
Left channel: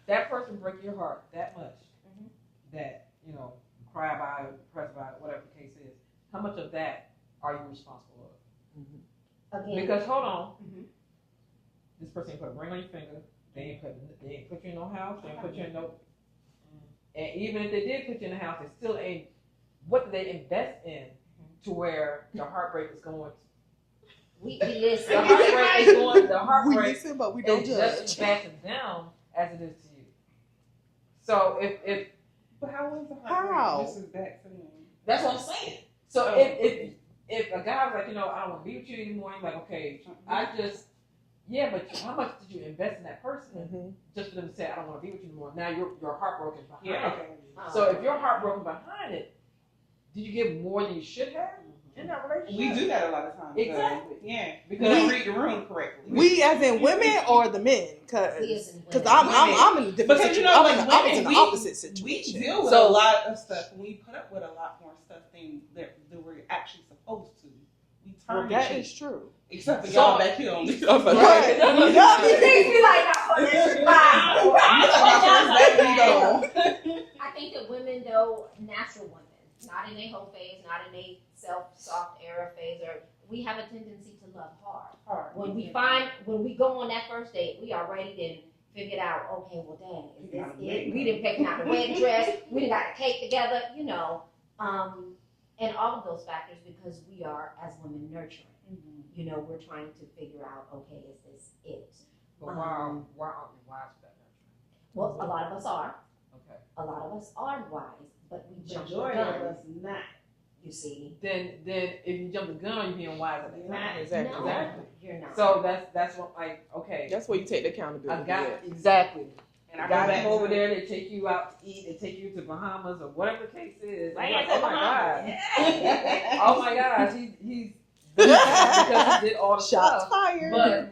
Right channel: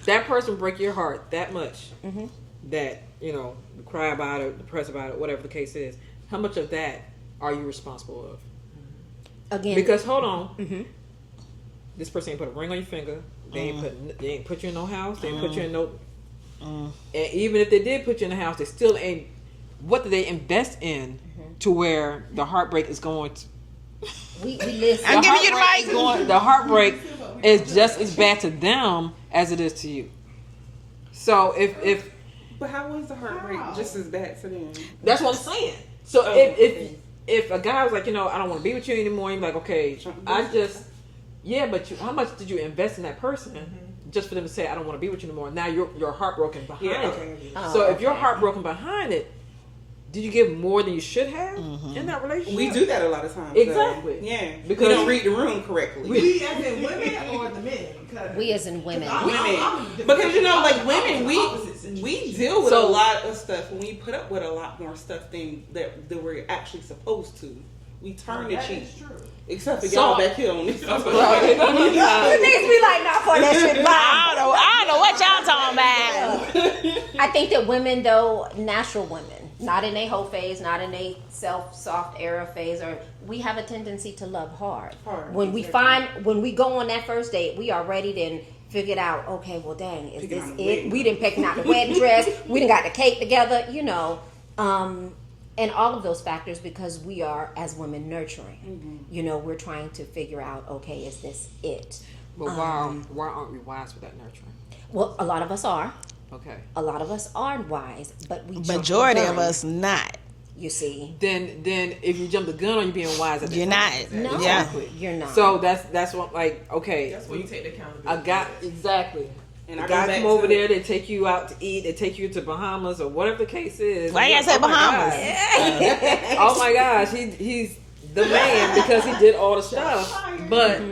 That person break your heart that much that, you know, you cry about it, depressed about it, whatever the case is. How much of that are you responsible of? Again. Because hold on. This person ain't put a ring on your finger. They ain't put you in no house. They ain't put you in no. And even if they did put you in the house, they still ain't. What did they invest in to where the heartbreak is going to? We listen. I'm giving you the right. The heartbreak is just as bad to them as it is to you. So if But how was the heartbreak just as bad for them? that's what I'm saying. So if a guy was like, you know, I don't want to be with you anymore, you're like, okay, but how much did you invest in that person just for them to say, I don't want to be with you anymore? Now you're heartbroken behind it. So if you're heartbroken behind it, did you give more than you should have in that relationship? We do that a lot of times. Exactly. Yeah. Because we don't read the room correctly. We as in women or the men? We as in women. I'm in a different Because you know, like I'm in women, the opposite situation. we deal with a lot of stuff, and we put up with a lot more stuff than that we're actually supposed to. We turn the that cheek. is true. Except for y'all back here on this. You need to be like, not for that shit. I don't know what y'all talking about. I think that women, though, natural women, not in a hoe phase, not in a soft era phase, or we have a tendency to love hard. When we go on that first date, we are ready to figure it out. Okay, well, dang, is this it? We didn't pick out the wedding dress. We didn't got the cake together, you know. And all of those factors, because we are, as women, nurturing. You know, we're trying to figure out, okay, is this it? But why aren't we wise with that nurturing? Well, a lot of us are. Okay. A lot of us are wise, but we Majority of us not. You see. Then if you jump the gun on you being wise, at the You're time. not. No, Exactly. you're not. So that's what, like, okay. That's where you take the accountability. I got exactly. And the guys come over there, they take you out to eat, they take you to Bahamas or whatever the case is. Why you say Bahamas? Oh my gosh, he's the man because he did all the stuff. But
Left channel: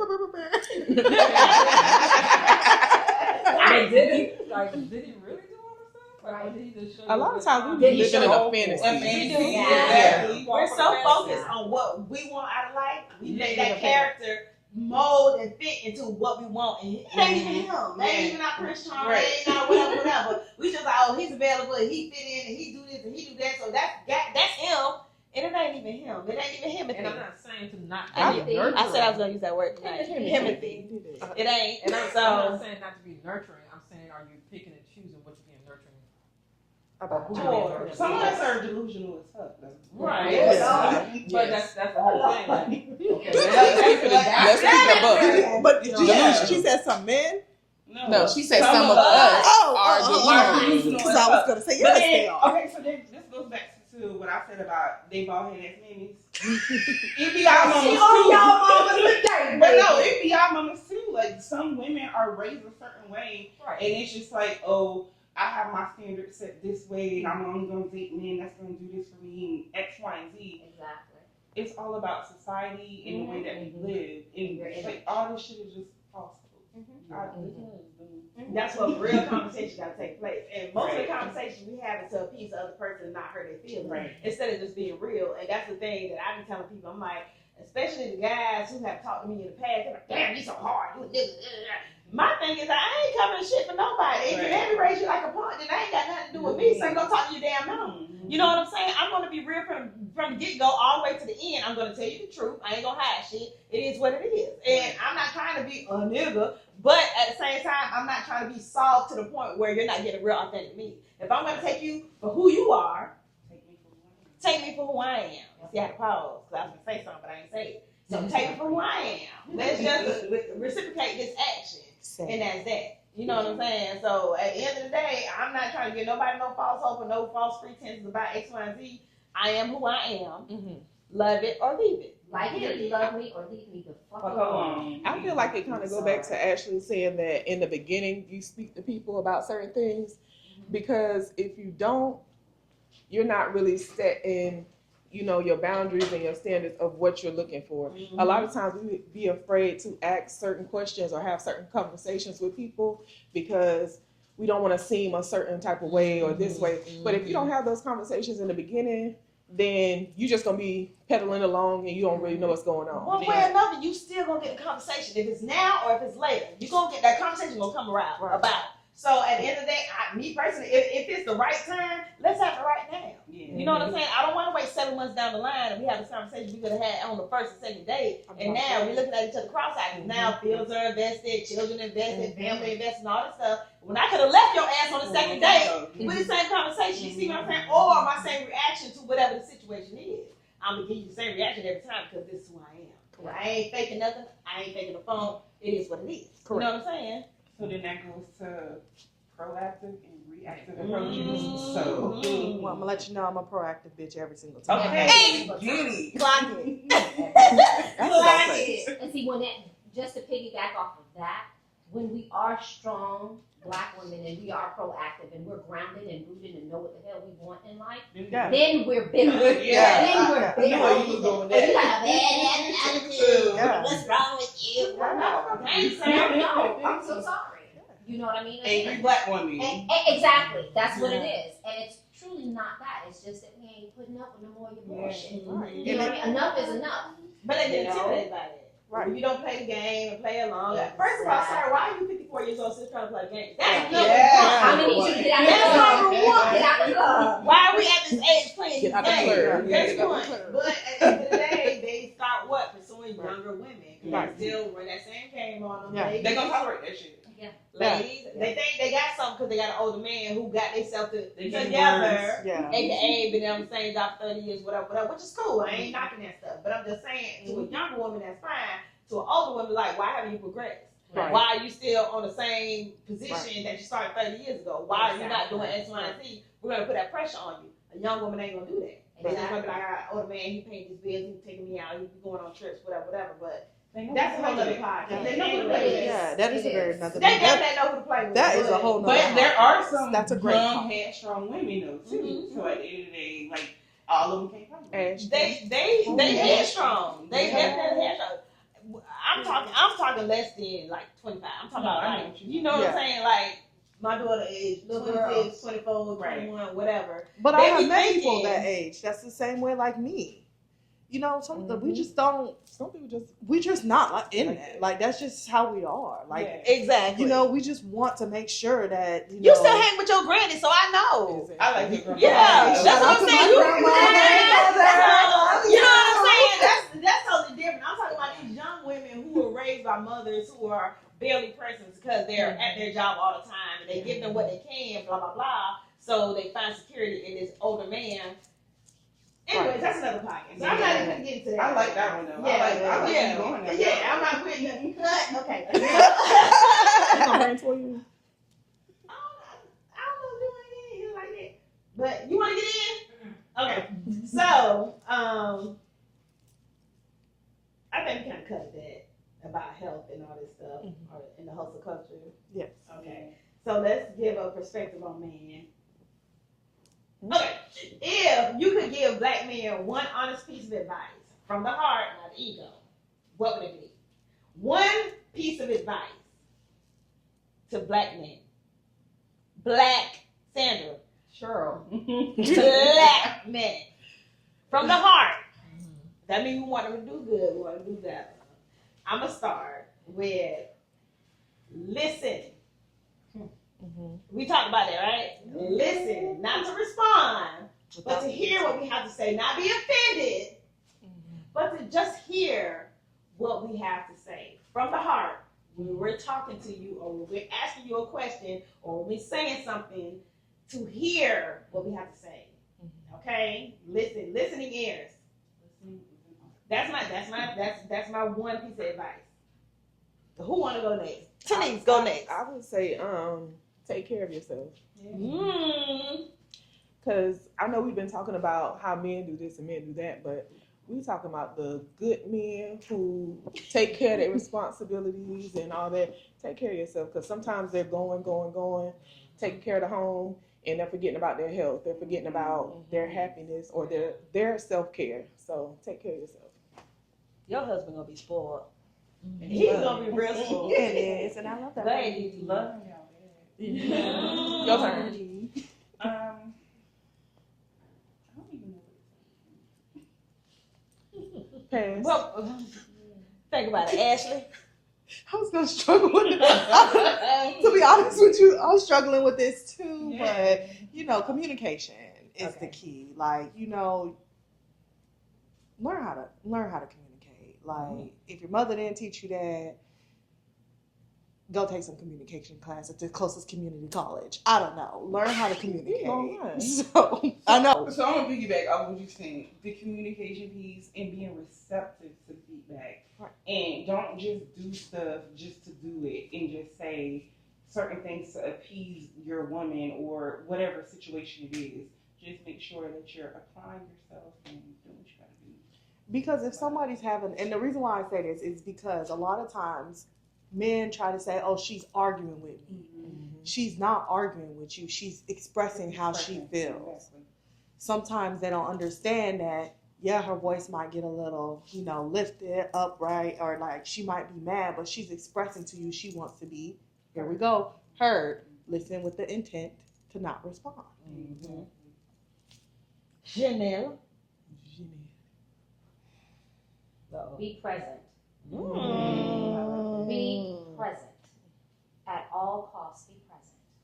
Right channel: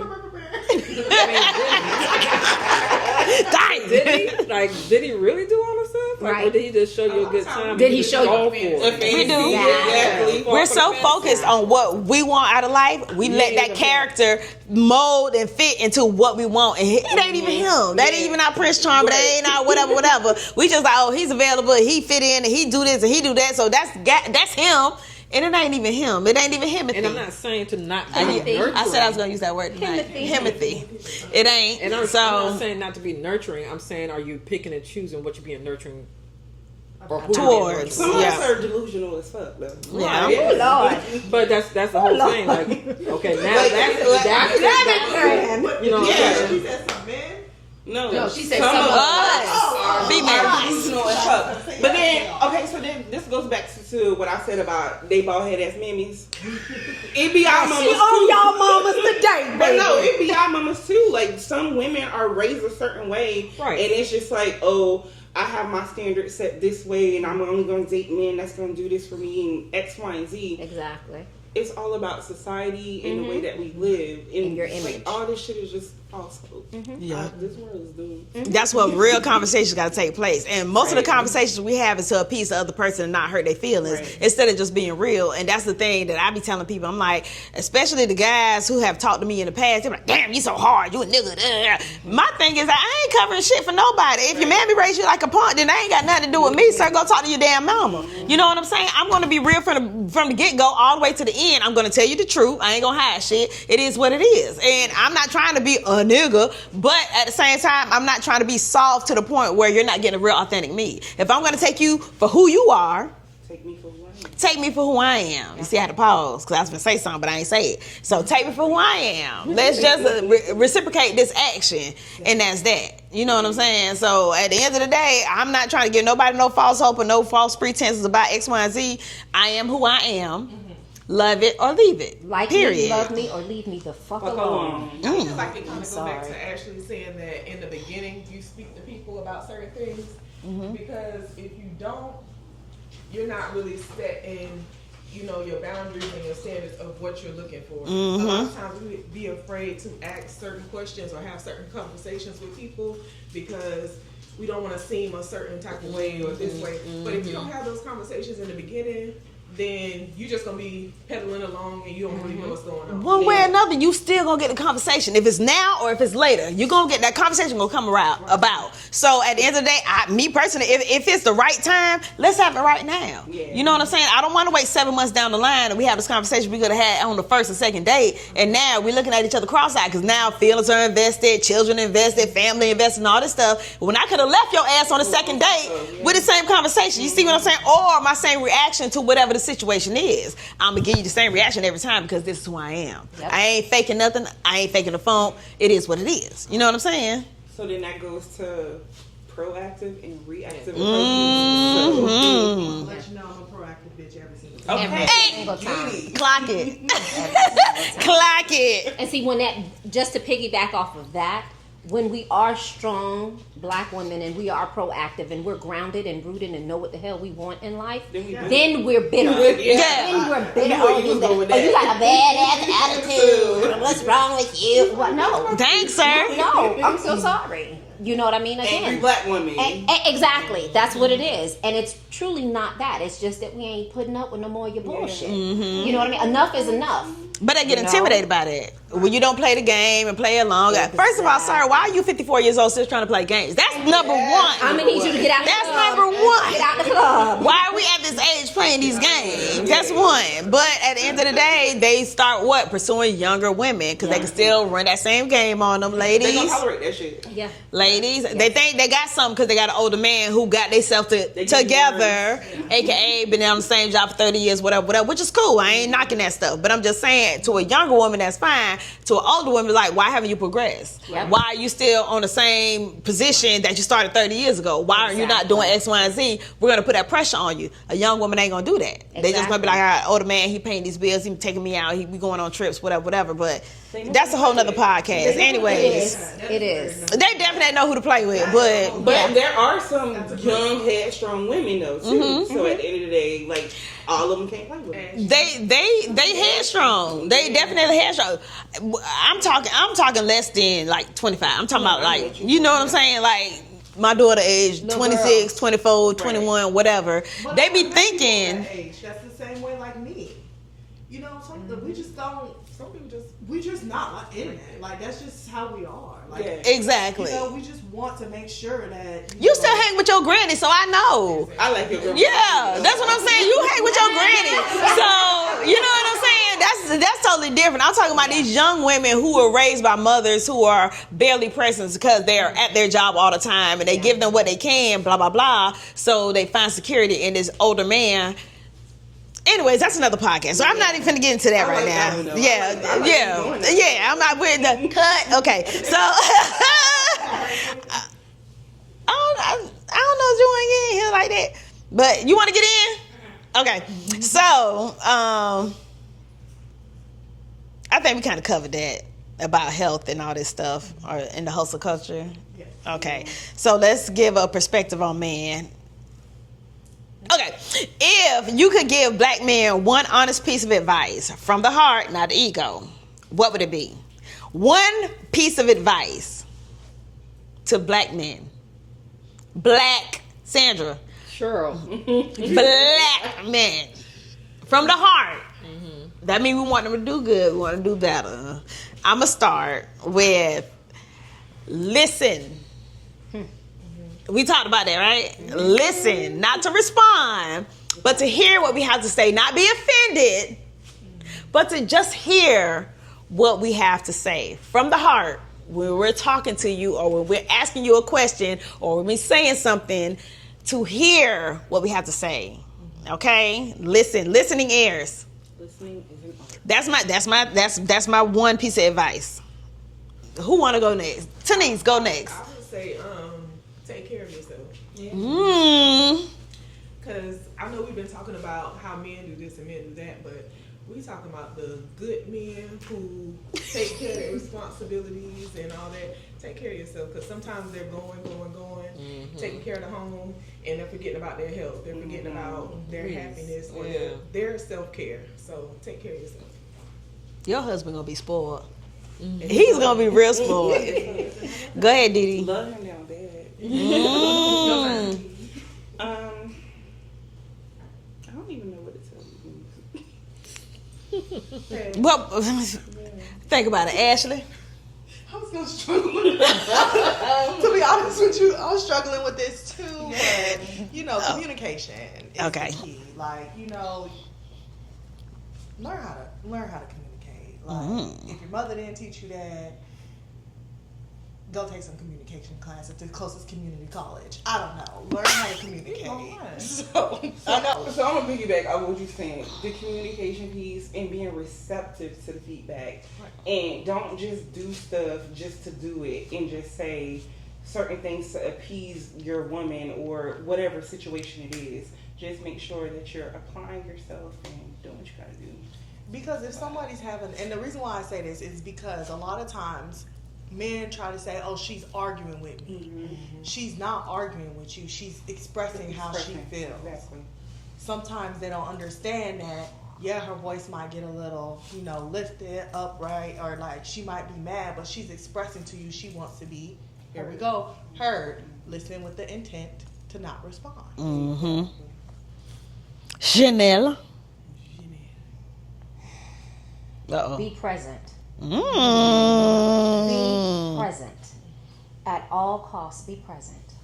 did he really do all the stuff? Like, or did he just show you a good time? Did he show you We do. Exactly. We're so focused on what we want out of life, we let that character mold and fit into what we want. And it ain't even him. That ain't even our Prince Charming. That ain't our whatever. We just like, oh, he's available. He fit in and he do this and he do that. So that's him. And it ain't even him. It ain't even himothy. And I'm not saying to not be I nurturing. said I was going to use that word tonight. Himothy. It ain't. And I'm not saying not to be nurturing. I'm saying, are you picking and choosing what you're being nurturing towards? Some of us are delusional as fuck, though. Yeah. But that's the whole thing. Like, okay, now But did you hear she said some men? No, she said some of us are delusional as fuck. gonna say, But yes, then, they are. okay, so then this goes back to what I said about they bald head ass mammies. It be our mamas too. Y'all mamas today, But no, it be our mamas too. Like, some women are raised a certain way, Right. and it's just like, oh, I have my standards set this way, and I'm only gonna date men that's gonna do this for me, and X, Y, and Z. Exactly. It's all about society and the way that we live, and your it's image. like, all this shit is just false hope. Yeah. This world is doomed. That's what real conversations got to take place. And most of the conversations we have is to appease the other person and not hurt their feelings instead of just being real. And that's the thing that I be telling people. I'm like, especially the guys who have talked to me in the past, they're like, damn, you so hard. You a nigga. My thing is, I ain't covering shit for nobody. If your man be raised you like a punk, then that ain't got nothing to do with me. So go talk to your damn mama. You know what I'm saying? I'm going to be real from the get-go all the way to the end. I'm going to tell you the truth. I ain't going to hide shit. It is what it is. And I'm not trying to be a nigga, but at the same time, I'm not trying to be soft to the point where you're not getting a real authentic me. If I'm going to take you for who you are, Take me for what? Take me for who I am. You see, I had to pause because I was going to say something, but I ain't say it. So take me for who I am. Let's just reciprocate this action, and that's that. You know what I'm saying? So at the end of the day, I'm not trying to give nobody no false hope or no false pretenses about X, Y, and Z. I am who I am. Mm-hmm. Love it or leave it. Like period. Me, love me, or leave me the fuck alone. I feel like it kind of go back to Ashley saying that in the beginning you speak to people about certain things, because if you don't, you're not really set in, your boundaries and your standards of what you're looking for. A lot of times we be afraid to ask certain questions or have certain conversations with people because we don't want to seem a certain type of way or this way. But if you don't have those conversations in the beginning, then you just gonna be pedaling along and you don't really know what's going on. One way or another, you still gonna get the conversation. If it's now or if it's later, you gonna get that conversation gonna come around about. So at the end of the day, me personally, if it's the right time, let's have it right now. Yeah. You know what I'm saying? I don't want to wait 7 months down the line and we have this conversation we could have had on the first and second date, and now we're looking at each other cross-eyed because now feelings are invested, children invested, family invested, and all this stuff. When I could have left your ass on the second date with the same conversation, you see what I'm saying? Or my same reaction to whatever the situation is. I'm gonna give you the same reaction every time because this is who I am. Yep. I ain't faking nothing. I ain't faking the phone. It is what it is. You know what I'm saying? So then that goes to proactive and reactive approaches. I'm gonna let you know I'm a proactive bitch every single time. Okay. Hey, clock it. Clock it. And see, just to piggyback off of that, when we are strong Black women and we are proactive and we're grounded and rooted and know what the hell we want in life, then we're bitter. Then we're bitter. You got a bad ass attitude. What's wrong with you? Well, no. Thanks, sir. No, I'm so sorry. You know what I mean? Again, angry Black woman. Exactly. That's what it is. And it's truly not that. It's just that we ain't putting up with no more of your bullshit. You know what I mean? Enough is enough. But they get intimidated by that. When you don't play the game and play along. First of all, sir, why are you 54 years old still trying to play games? That's number one. I'm going to need you to get out of the club. That's number one. Get out of the club. Why are we at this age playing these games? That's one. But at the end of the day, they start what? Pursuing younger women because they can still run that same game on them, ladies. They gonna tolerate that shit. Yeah. Ladies, they think they got something because they got an older man who got themselves together, aka been on the same job for 30 years, whatever, which is cool. I ain't knocking that stuff. But I'm just saying, to a younger woman, that's fine. To an older woman, like, why haven't you progressed? Yeah. Why are you still on the same position that you started 30 years ago? Why are you not doing X, Y, and Z? We're going to put that pressure on you. A young woman ain't going to do that. Exactly. They just going to be like, all right, older man, he paying these bills, he taking me out, we going on trips, whatever. But that's a whole nother podcast. Anyways, it is. They definitely know who to play with. But there are some young, headstrong women, though, too. So at the end of the day, like, all of them can't play with it. They headstrong. They definitely headstrong. I'm talking less than like 25. I'm talking about like, you know what I'm saying? Like my daughter age 26, 24, 21, whatever. But they I be met people thinking that age. That's the same way like me. You know, we just don't. Some people we just not in that. Like that's just how we are. Like exactly. You know, we just want to make sure that you still hang with your granny, so I know. I like your grandma. Yeah, that's what I'm saying. You hang with your granny, so you know what I'm saying. That's totally different. I'm talking about these young women who are raised by mothers who are barely present because they're at their job all the time and they give them what they can, blah blah blah. So they find security in this older man. Anyways, that's another podcast. So I'm not even gonna get into that right now. Yeah. I'm not with the cut. Okay, so I don't know if you want to get in here like that, but you want to get in? Okay, so I think we kind of covered that about health and all this stuff, or in the hustle culture. Yeah. Okay, so let's give a perspective on man. Okay, if you could give Black men one honest piece of advice from the heart, not the ego, what would it be? One piece of advice to Black men. Black Sandra. Cheryl. Black men. From the heart. Mm-hmm. That means we want them to do good. We want them to do better. I'm going to start with listen. We talked about that, right? Listen, not to respond, but to hear what we have to say. Not be offended, but to just hear what we have to say from the heart. When we're talking to you, or when we're asking you a question, or when we're saying something, to hear what we have to say. Okay, listening ears. Listening is an art. That's my one piece of advice. Who want to go next? Tanise, go next. I would say, take care of yourself. Mm. Because I know we've been talking about how men do this and men do that, but we talking about the good men who take care of their responsibilities and all that. Take care of yourself, because sometimes they're going, taking care of the home, and they're forgetting about their health. They're forgetting about their happiness or their self-care. So take care of yourself. Your husband gonna be spoiled. He's gonna be real spoiled. Go ahead, Didi. Love him down bad. I don't even know what to tell you. Well, think about it, Ashley. I was gonna struggle with it. To be honest with you, I was struggling with this too. But communication is the key. Like, learn how to communicate. Like, if your mother didn't teach you that, go take some communication class at the closest community college. I don't know. Learn how to communicate. So, I know. So I'm gonna piggyback off what you're saying. The communication piece and being receptive to the feedback. Right. And don't just do stuff just to do it and just say certain things to appease your woman or whatever situation it is. Just make sure that you're applying yourself and doing what you gotta do. Because if somebody's and the reason why I say this is because a lot of times men try to say, oh, she's arguing with me. Mm-hmm. She's not arguing with you. She's expressing how she feels. Exactly. Sometimes they don't understand that, her voice might get a little, lifted, upright, or like she might be mad, but she's expressing to you she wants to be, here we go, heard. Listen with the intent to not respond. Mm-hmm. Chanel. Uh-oh. Be present. Mm. Be present. At all costs, be present.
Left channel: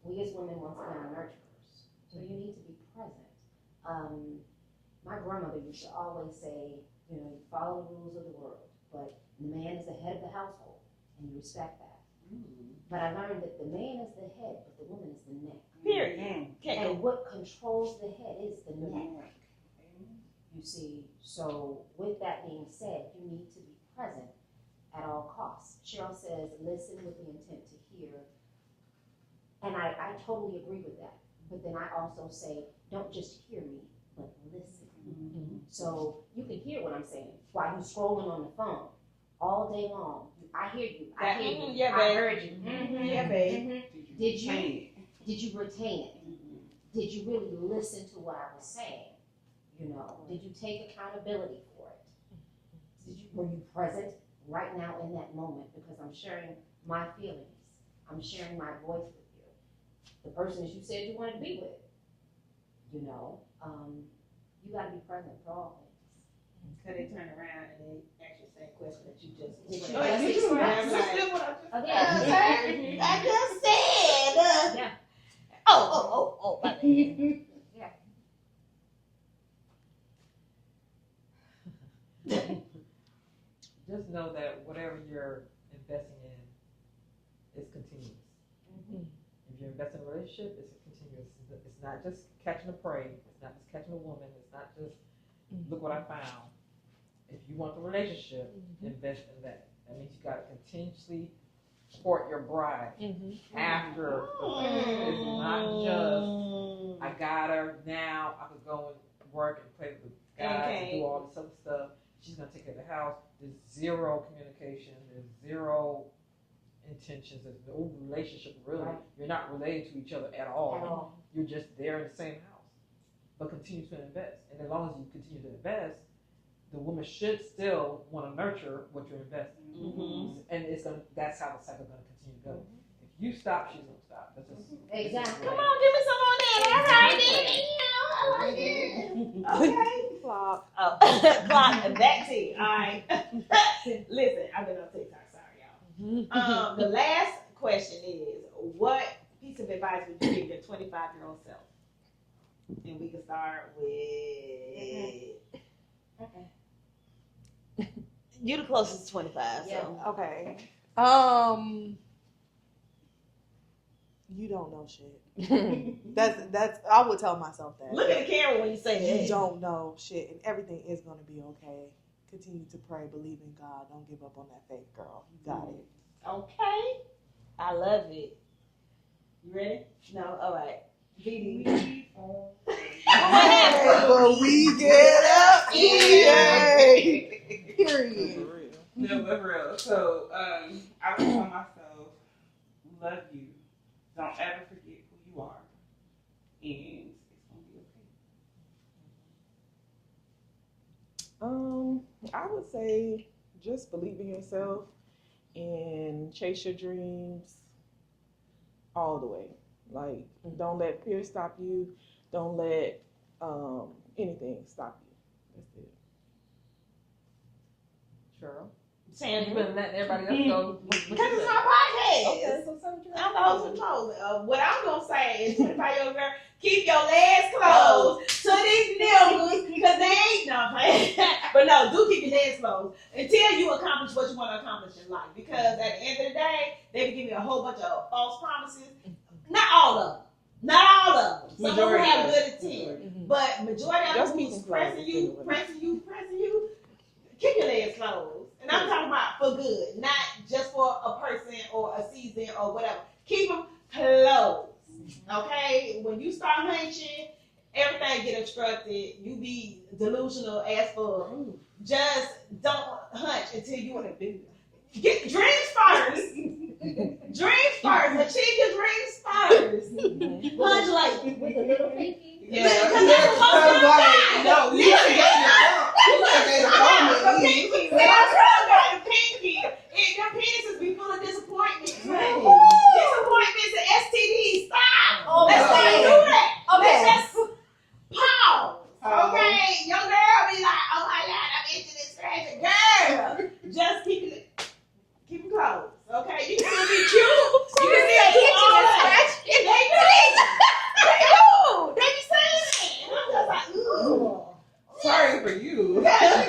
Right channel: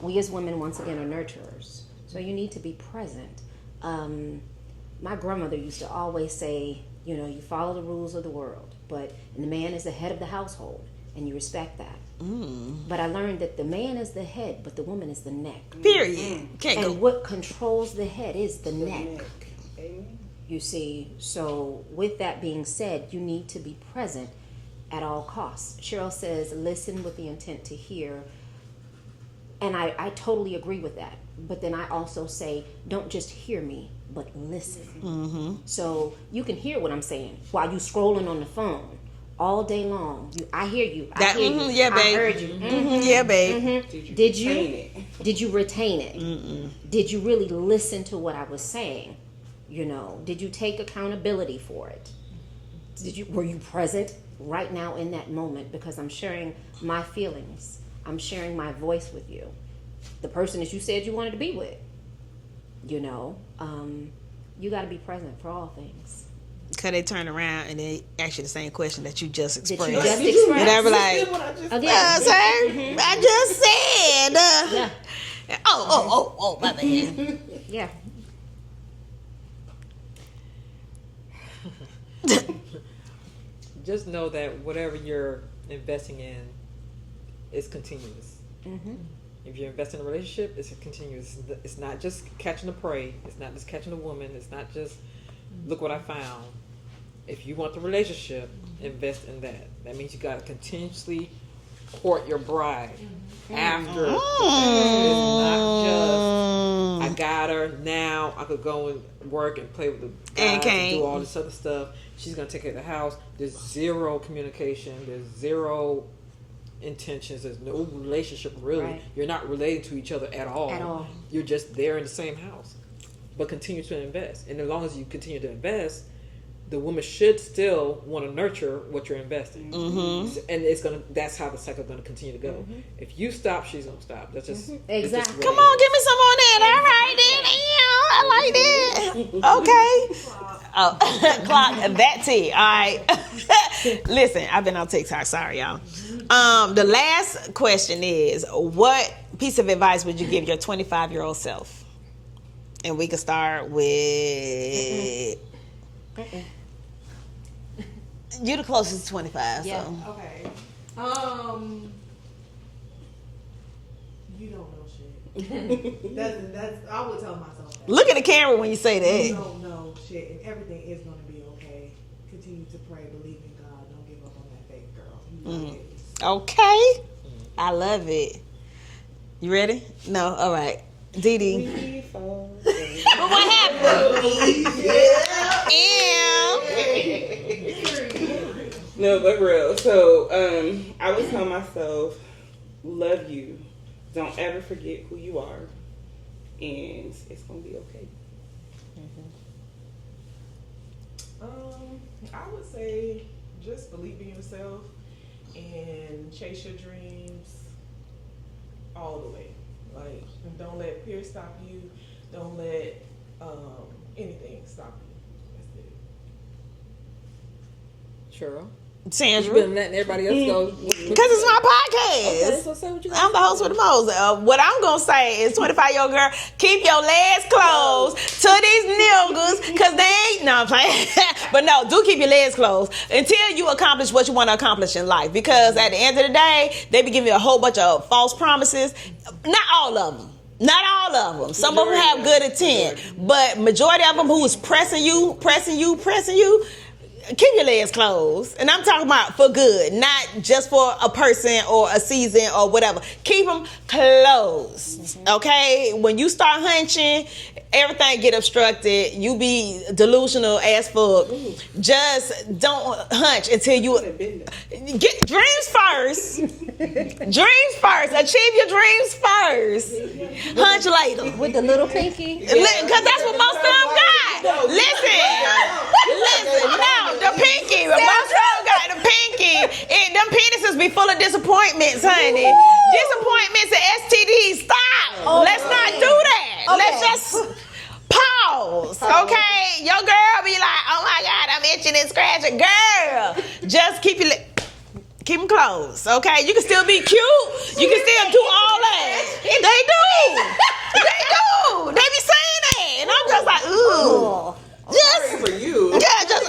We as women, once again, are nurturers. So you need to be present. My grandmother used to always say, you follow the rules of the world, and the man is the head of the household, and you respect that. But I learned that the man is the head, but the woman is the neck. Period. And what controls the head is the neck. You see, so with that being said, you need to be present at all costs. Cheryl says, listen with the intent to hear. And I totally agree with that. But then I also say, don't just hear me, but listen. Mm-hmm. So you can hear what I'm saying while you scrolling on the phone all day long. I hear you. I hear you. Yeah, babe. I heard you. Mm-hmm. Yeah, babe. Mm-hmm. Did you retain it? Mm-mm. Did you really listen to what I was saying? Did you take accountability for it? Were you present right now in that moment? Because I'm sharing my feelings. I'm sharing my voice with you. The person that you said you wanted to be with. You got to be present for all things. Because they turn around and they ask you the same question that you just expressed. And they were like, I just said. Oh, my bad. Yeah. Just know that whatever you're investing in is continuous. Mm-hmm. If you're investing in a relationship, it's continuous. It's not just catching the prey. It's not just catching a woman. It's not just look what I found. If you want the relationship, invest in that. That means you got to continuously court your bride after the sex. It's not just I got her now. I could go and work and play with the guys and do all this other stuff. She's gonna take care of the house. There's zero communication. There's zero intentions. There's no relationship really. Right. You're not related to each other at all. You're just there in the same house. But continue to invest, and as long as you continue to invest, the woman should still want to nurture what you're investing, and that's how the cycle is gonna continue to go. If you stop, she's gonna stop. That's just exactly. Come on, give me some on that. All right, then. I like that. Okay. Clock that tea. All right. Listen, I've been on TikTok. Sorry, y'all. The last question is, what piece of advice would you give your 25-year-old self? And we can start with. You're the closest to 25. Yeah. So. Okay. You don't know shit. That's I would tell myself that. Look at the camera when you say You that. don't know shit, and everything is going to be okay. Continue to pray, believe in God. Don't give up on that faith, girl. You got it. Okay. I love it. You ready? No? All right. Dee Dee. We fall. What happened? We get up. No, but real. So, I was telling myself, love you. Don't ever forget who you are. And it's going to be okay. I would say just believe in yourself and chase your dreams all the way. Like, don't let fear stop you. Don't let anything stop you. That's it. Cheryl. Sandra. You've been letting everybody else go. Because it's my podcast. Okay, so say what you got. I'm the host with the most. What I'm going to say is 25-year-old girl, keep your legs closed to these niggas because they ain't, no, I'm playing. But no, do keep your legs closed until you accomplish what you want to accomplish in life. Because at the end of the day, they be giving you a whole bunch of false promises. Not all of them. Not all of them. Some of them have good intent. But majority of them who is pressing you, keep your legs closed. And I'm talking about for good, not just for a person or a season or whatever. Keep them closed, okay? When you start hunching, everything get obstructed. You be delusional as fuck. Just don't hunch until you get dreams first. Dreams first. Achieve your dreams first. Hunch later. With the little pinky. Because that's what most of them got. Listen. The pinky. Most of them got the pinky. And them penises be full of disappointments, honey. Disappointments and STDs. Stop. Let's not do that. Let's just pause. Okay? Your girl be like, oh my God, I'm itching and scratching. Girl, just keep them closed, okay? You can still be cute. You can still do all that. They do. They be saying that. And I'm just like, ooh. Sorry for you. Yeah, just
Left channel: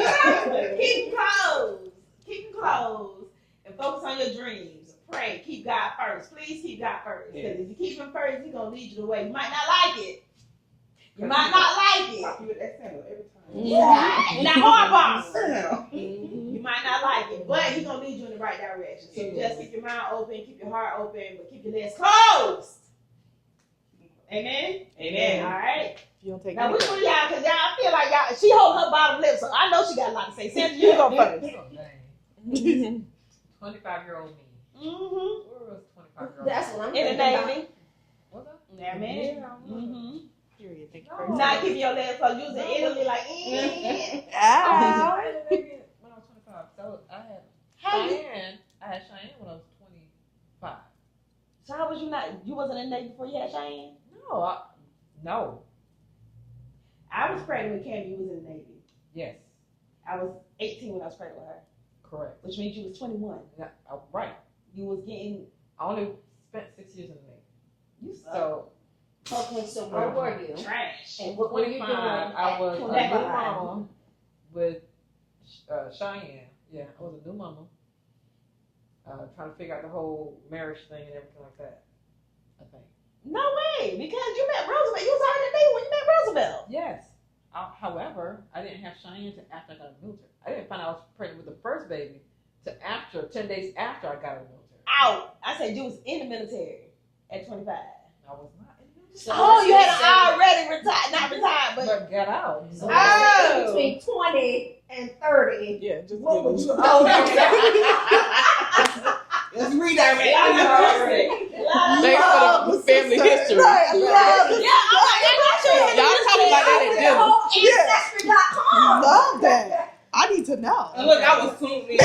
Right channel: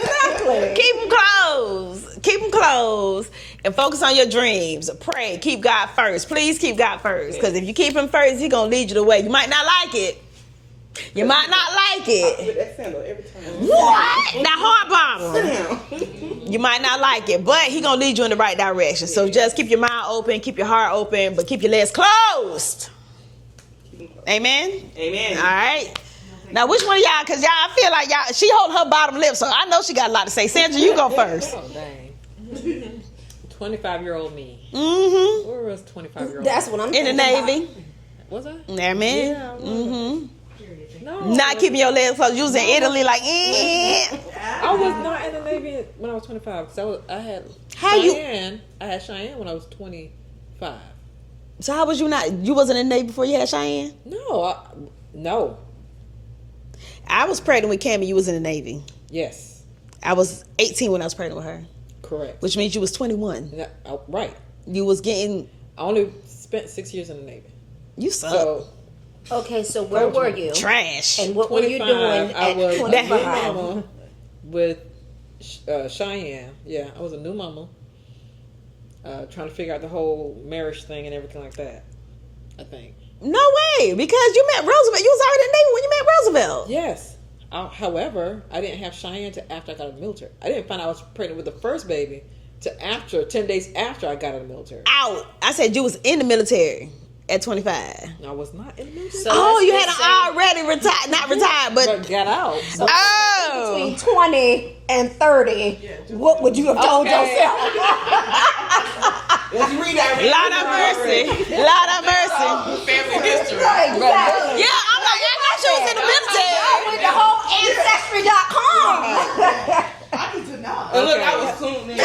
keep them closed. Keep them closed and focus on your dreams. Pray. Keep God first. Please keep God first. Because if you keep him first, he's going to lead you the way. You might not like it. You might not like it. With that sandal every time. What? Now, hard Sit down. You might not like it, but he gonna lead you in the right direction. So just keep your mind open, keep your heart open, but keep your legs closed. Amen? Amen. All right. Now, which one of y'all, because y'all, I feel like y'all, she hold her bottom lip, so I know she got a lot to say. Sandra, you go first. Oh, dang. 25-year-old me. Mm-hmm. Where was 25-year-old That's me? what I'm In the thinking Navy. Was I? Amen. Yeah, I was. Mm-hmm. No. Not keeping your legs closed. You was in Italy like, I was not in the Navy when I was 25 because I had Cheyenne when I was 25. So how was you not? You wasn't in the Navy before you had Cheyenne? No. I was pregnant with Cammie. You was in the Navy. Yes. I was 18 when I was pregnant with her, Correct. which means you was 21. Right. You was getting. I only spent 6 years in the Navy. You suck. So Okay, so where were you? Trash. And what were you doing I at was a new 25? mama with Cheyenne. Yeah, I was a new mama. Trying to figure out the whole marriage thing and everything like that. I think. No way, because you met Roosevelt. You was already in the Navy when you met Roosevelt. Yes. However, I didn't have Cheyenne till after I got out of the military. I didn't find out I was pregnant with the first baby till 10 days after I got out of the military. Out. I said you was in the military at 25. No, I was not in the military. So Oh, let's you just had say- already retired, not retired, but But got out. So Oh. between 20 and 30, what would you have told yourself? Let's redirect. Lord have mercy. Lord have mercy. Family history. Right, exactly. Yeah, oh my God, I thought you was in the military. With the whole Ancestry.com. I need to know. Look, I was tuned in.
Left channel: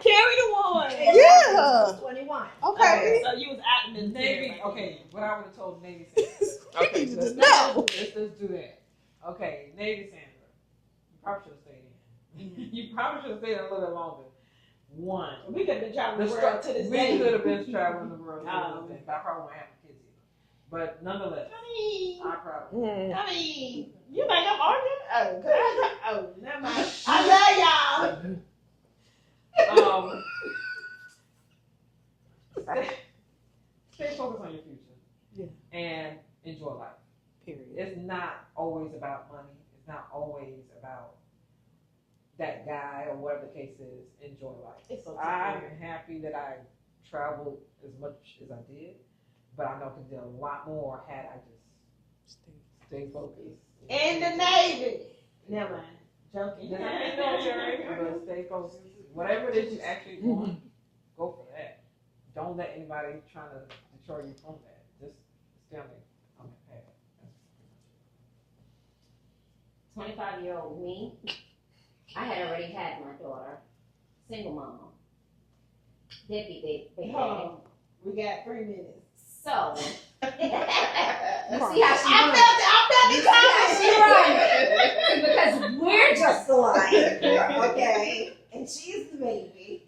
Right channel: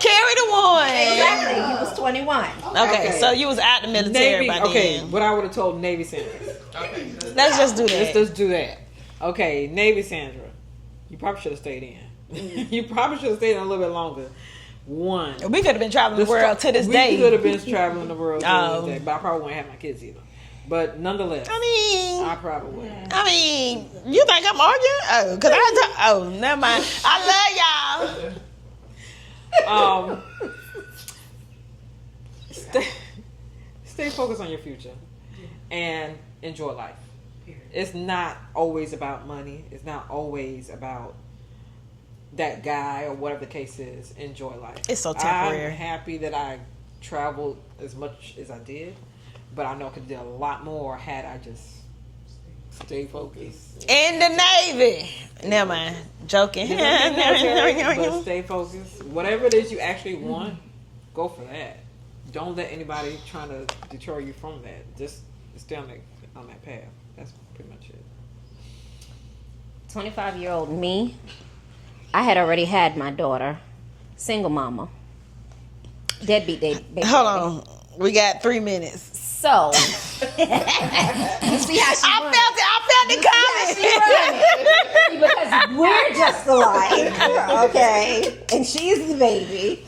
Carry the one. Exactly. You was 21. Okay, so you was out the military Navy. by Okay, then. what I would have told Navy Sandra. Okay. Let's just do Let's that. just do that. Okay, Navy Sandra. You probably should have stayed in. You probably should have stayed in a little bit longer. One. We could have been traveling the world to this day. We could have been traveling the world to Oh. this day, but I probably wouldn't have my kids either. But nonetheless, I mean, I probably would. you think I'm arguing? Oh, because never mind. I love y'all. stay focused on your future and enjoy life. Period. It's not always about money. It's not always about that guy or whatever the case is. Enjoy life. It's so temporary. I'm happy that I traveled as much as I did, but I know I could do a lot more had I just stay focused. In the Navy. Never mind. Joking. But stay focused. Whatever it is you actually want, go for that. Don't let anybody trying to deter you from that. Just stay on that path. That's pretty much it. 25-year-old me, I had already had my daughter, single mama, deadbeat baby. Hold on. We got 3 minutes. So, you see how she I felt the comments. because we're just alike, okay? And she's the baby.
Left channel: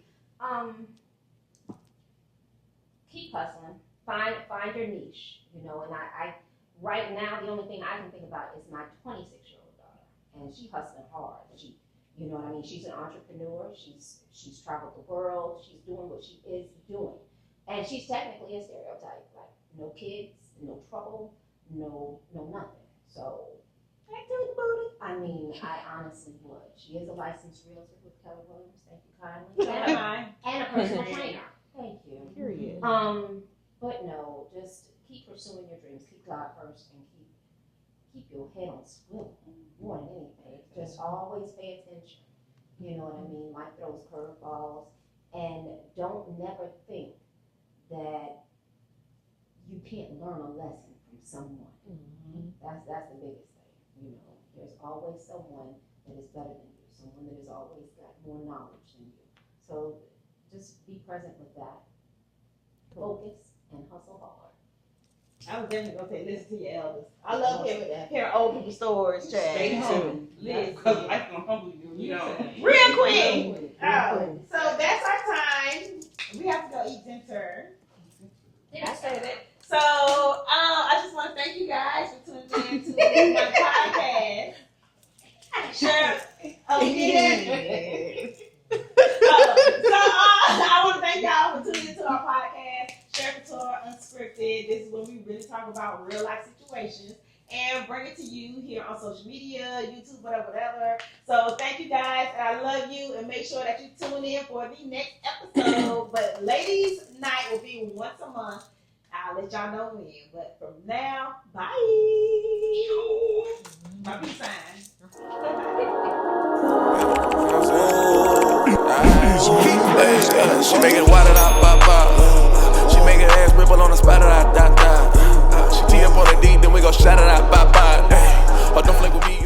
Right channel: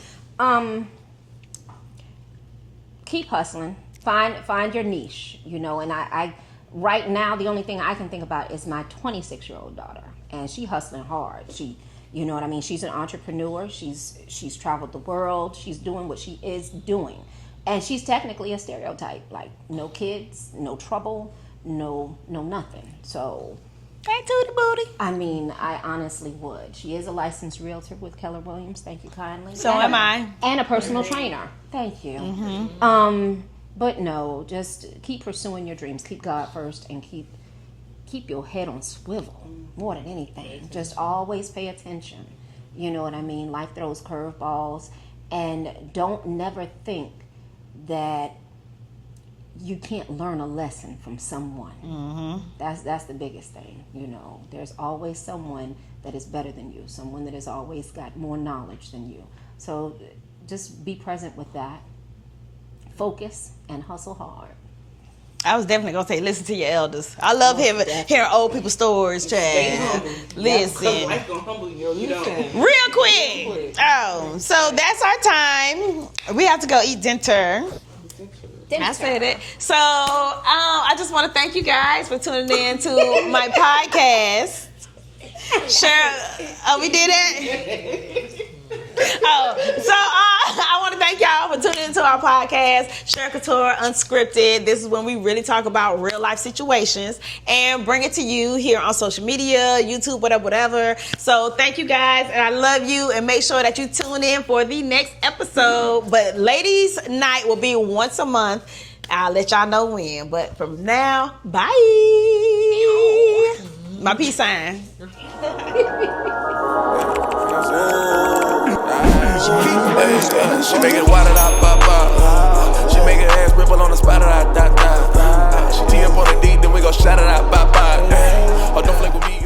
Keep hustling. Find your niche, you know. And I right now the only thing I can think about is my 26-year-old daughter, and she hustling hard. She, you know what I mean. She's an entrepreneur. She's traveled the world. She's doing what she is doing, and she's technically a stereotype. Like no kids, no trouble, no nothing. So. Back to the booty. I mean, I honestly would. She is a licensed realtor with Keller Williams. Thank you kindly. So am I. And a personal trainer. Thank you. But no, just keep pursuing your dreams. Keep God first, and keep your head on swivel more than anything. Just always pay attention. You know what I mean? Life throws curveballs, and don't never think that you can't learn a lesson from someone. That's the biggest thing. You know, there's always someone that is better than you, someone that has always got more knowledge than you. So just be present with that. Focus and hustle hard. I was definitely gonna say, listen to your elders. I love hearing old people's stories, Chad. Listen, Life gonna humble you. You know. real quick. Oh, so that's our time. We have to go eat dinner. I said it. So I just want to thank you guys for tuning in to my podcast. Cheryl, we did it. I want to thank y'all for tuning into our podcast, Cheryl Couture Unscripted. This is when we really talk about real life situations and bring it to you here on social media, YouTube, whatever. So thank you guys, and I love you. And make sure that you tune in for the next episode. But ladies' night will be once a month. I'll let y'all know when. But from now, bye. My peace sign. She make it water da ba ba. She make her ass ripple on the spot da da da. She tee up on the deep, then we go shot it out ba ba. Oh, don't flake with me.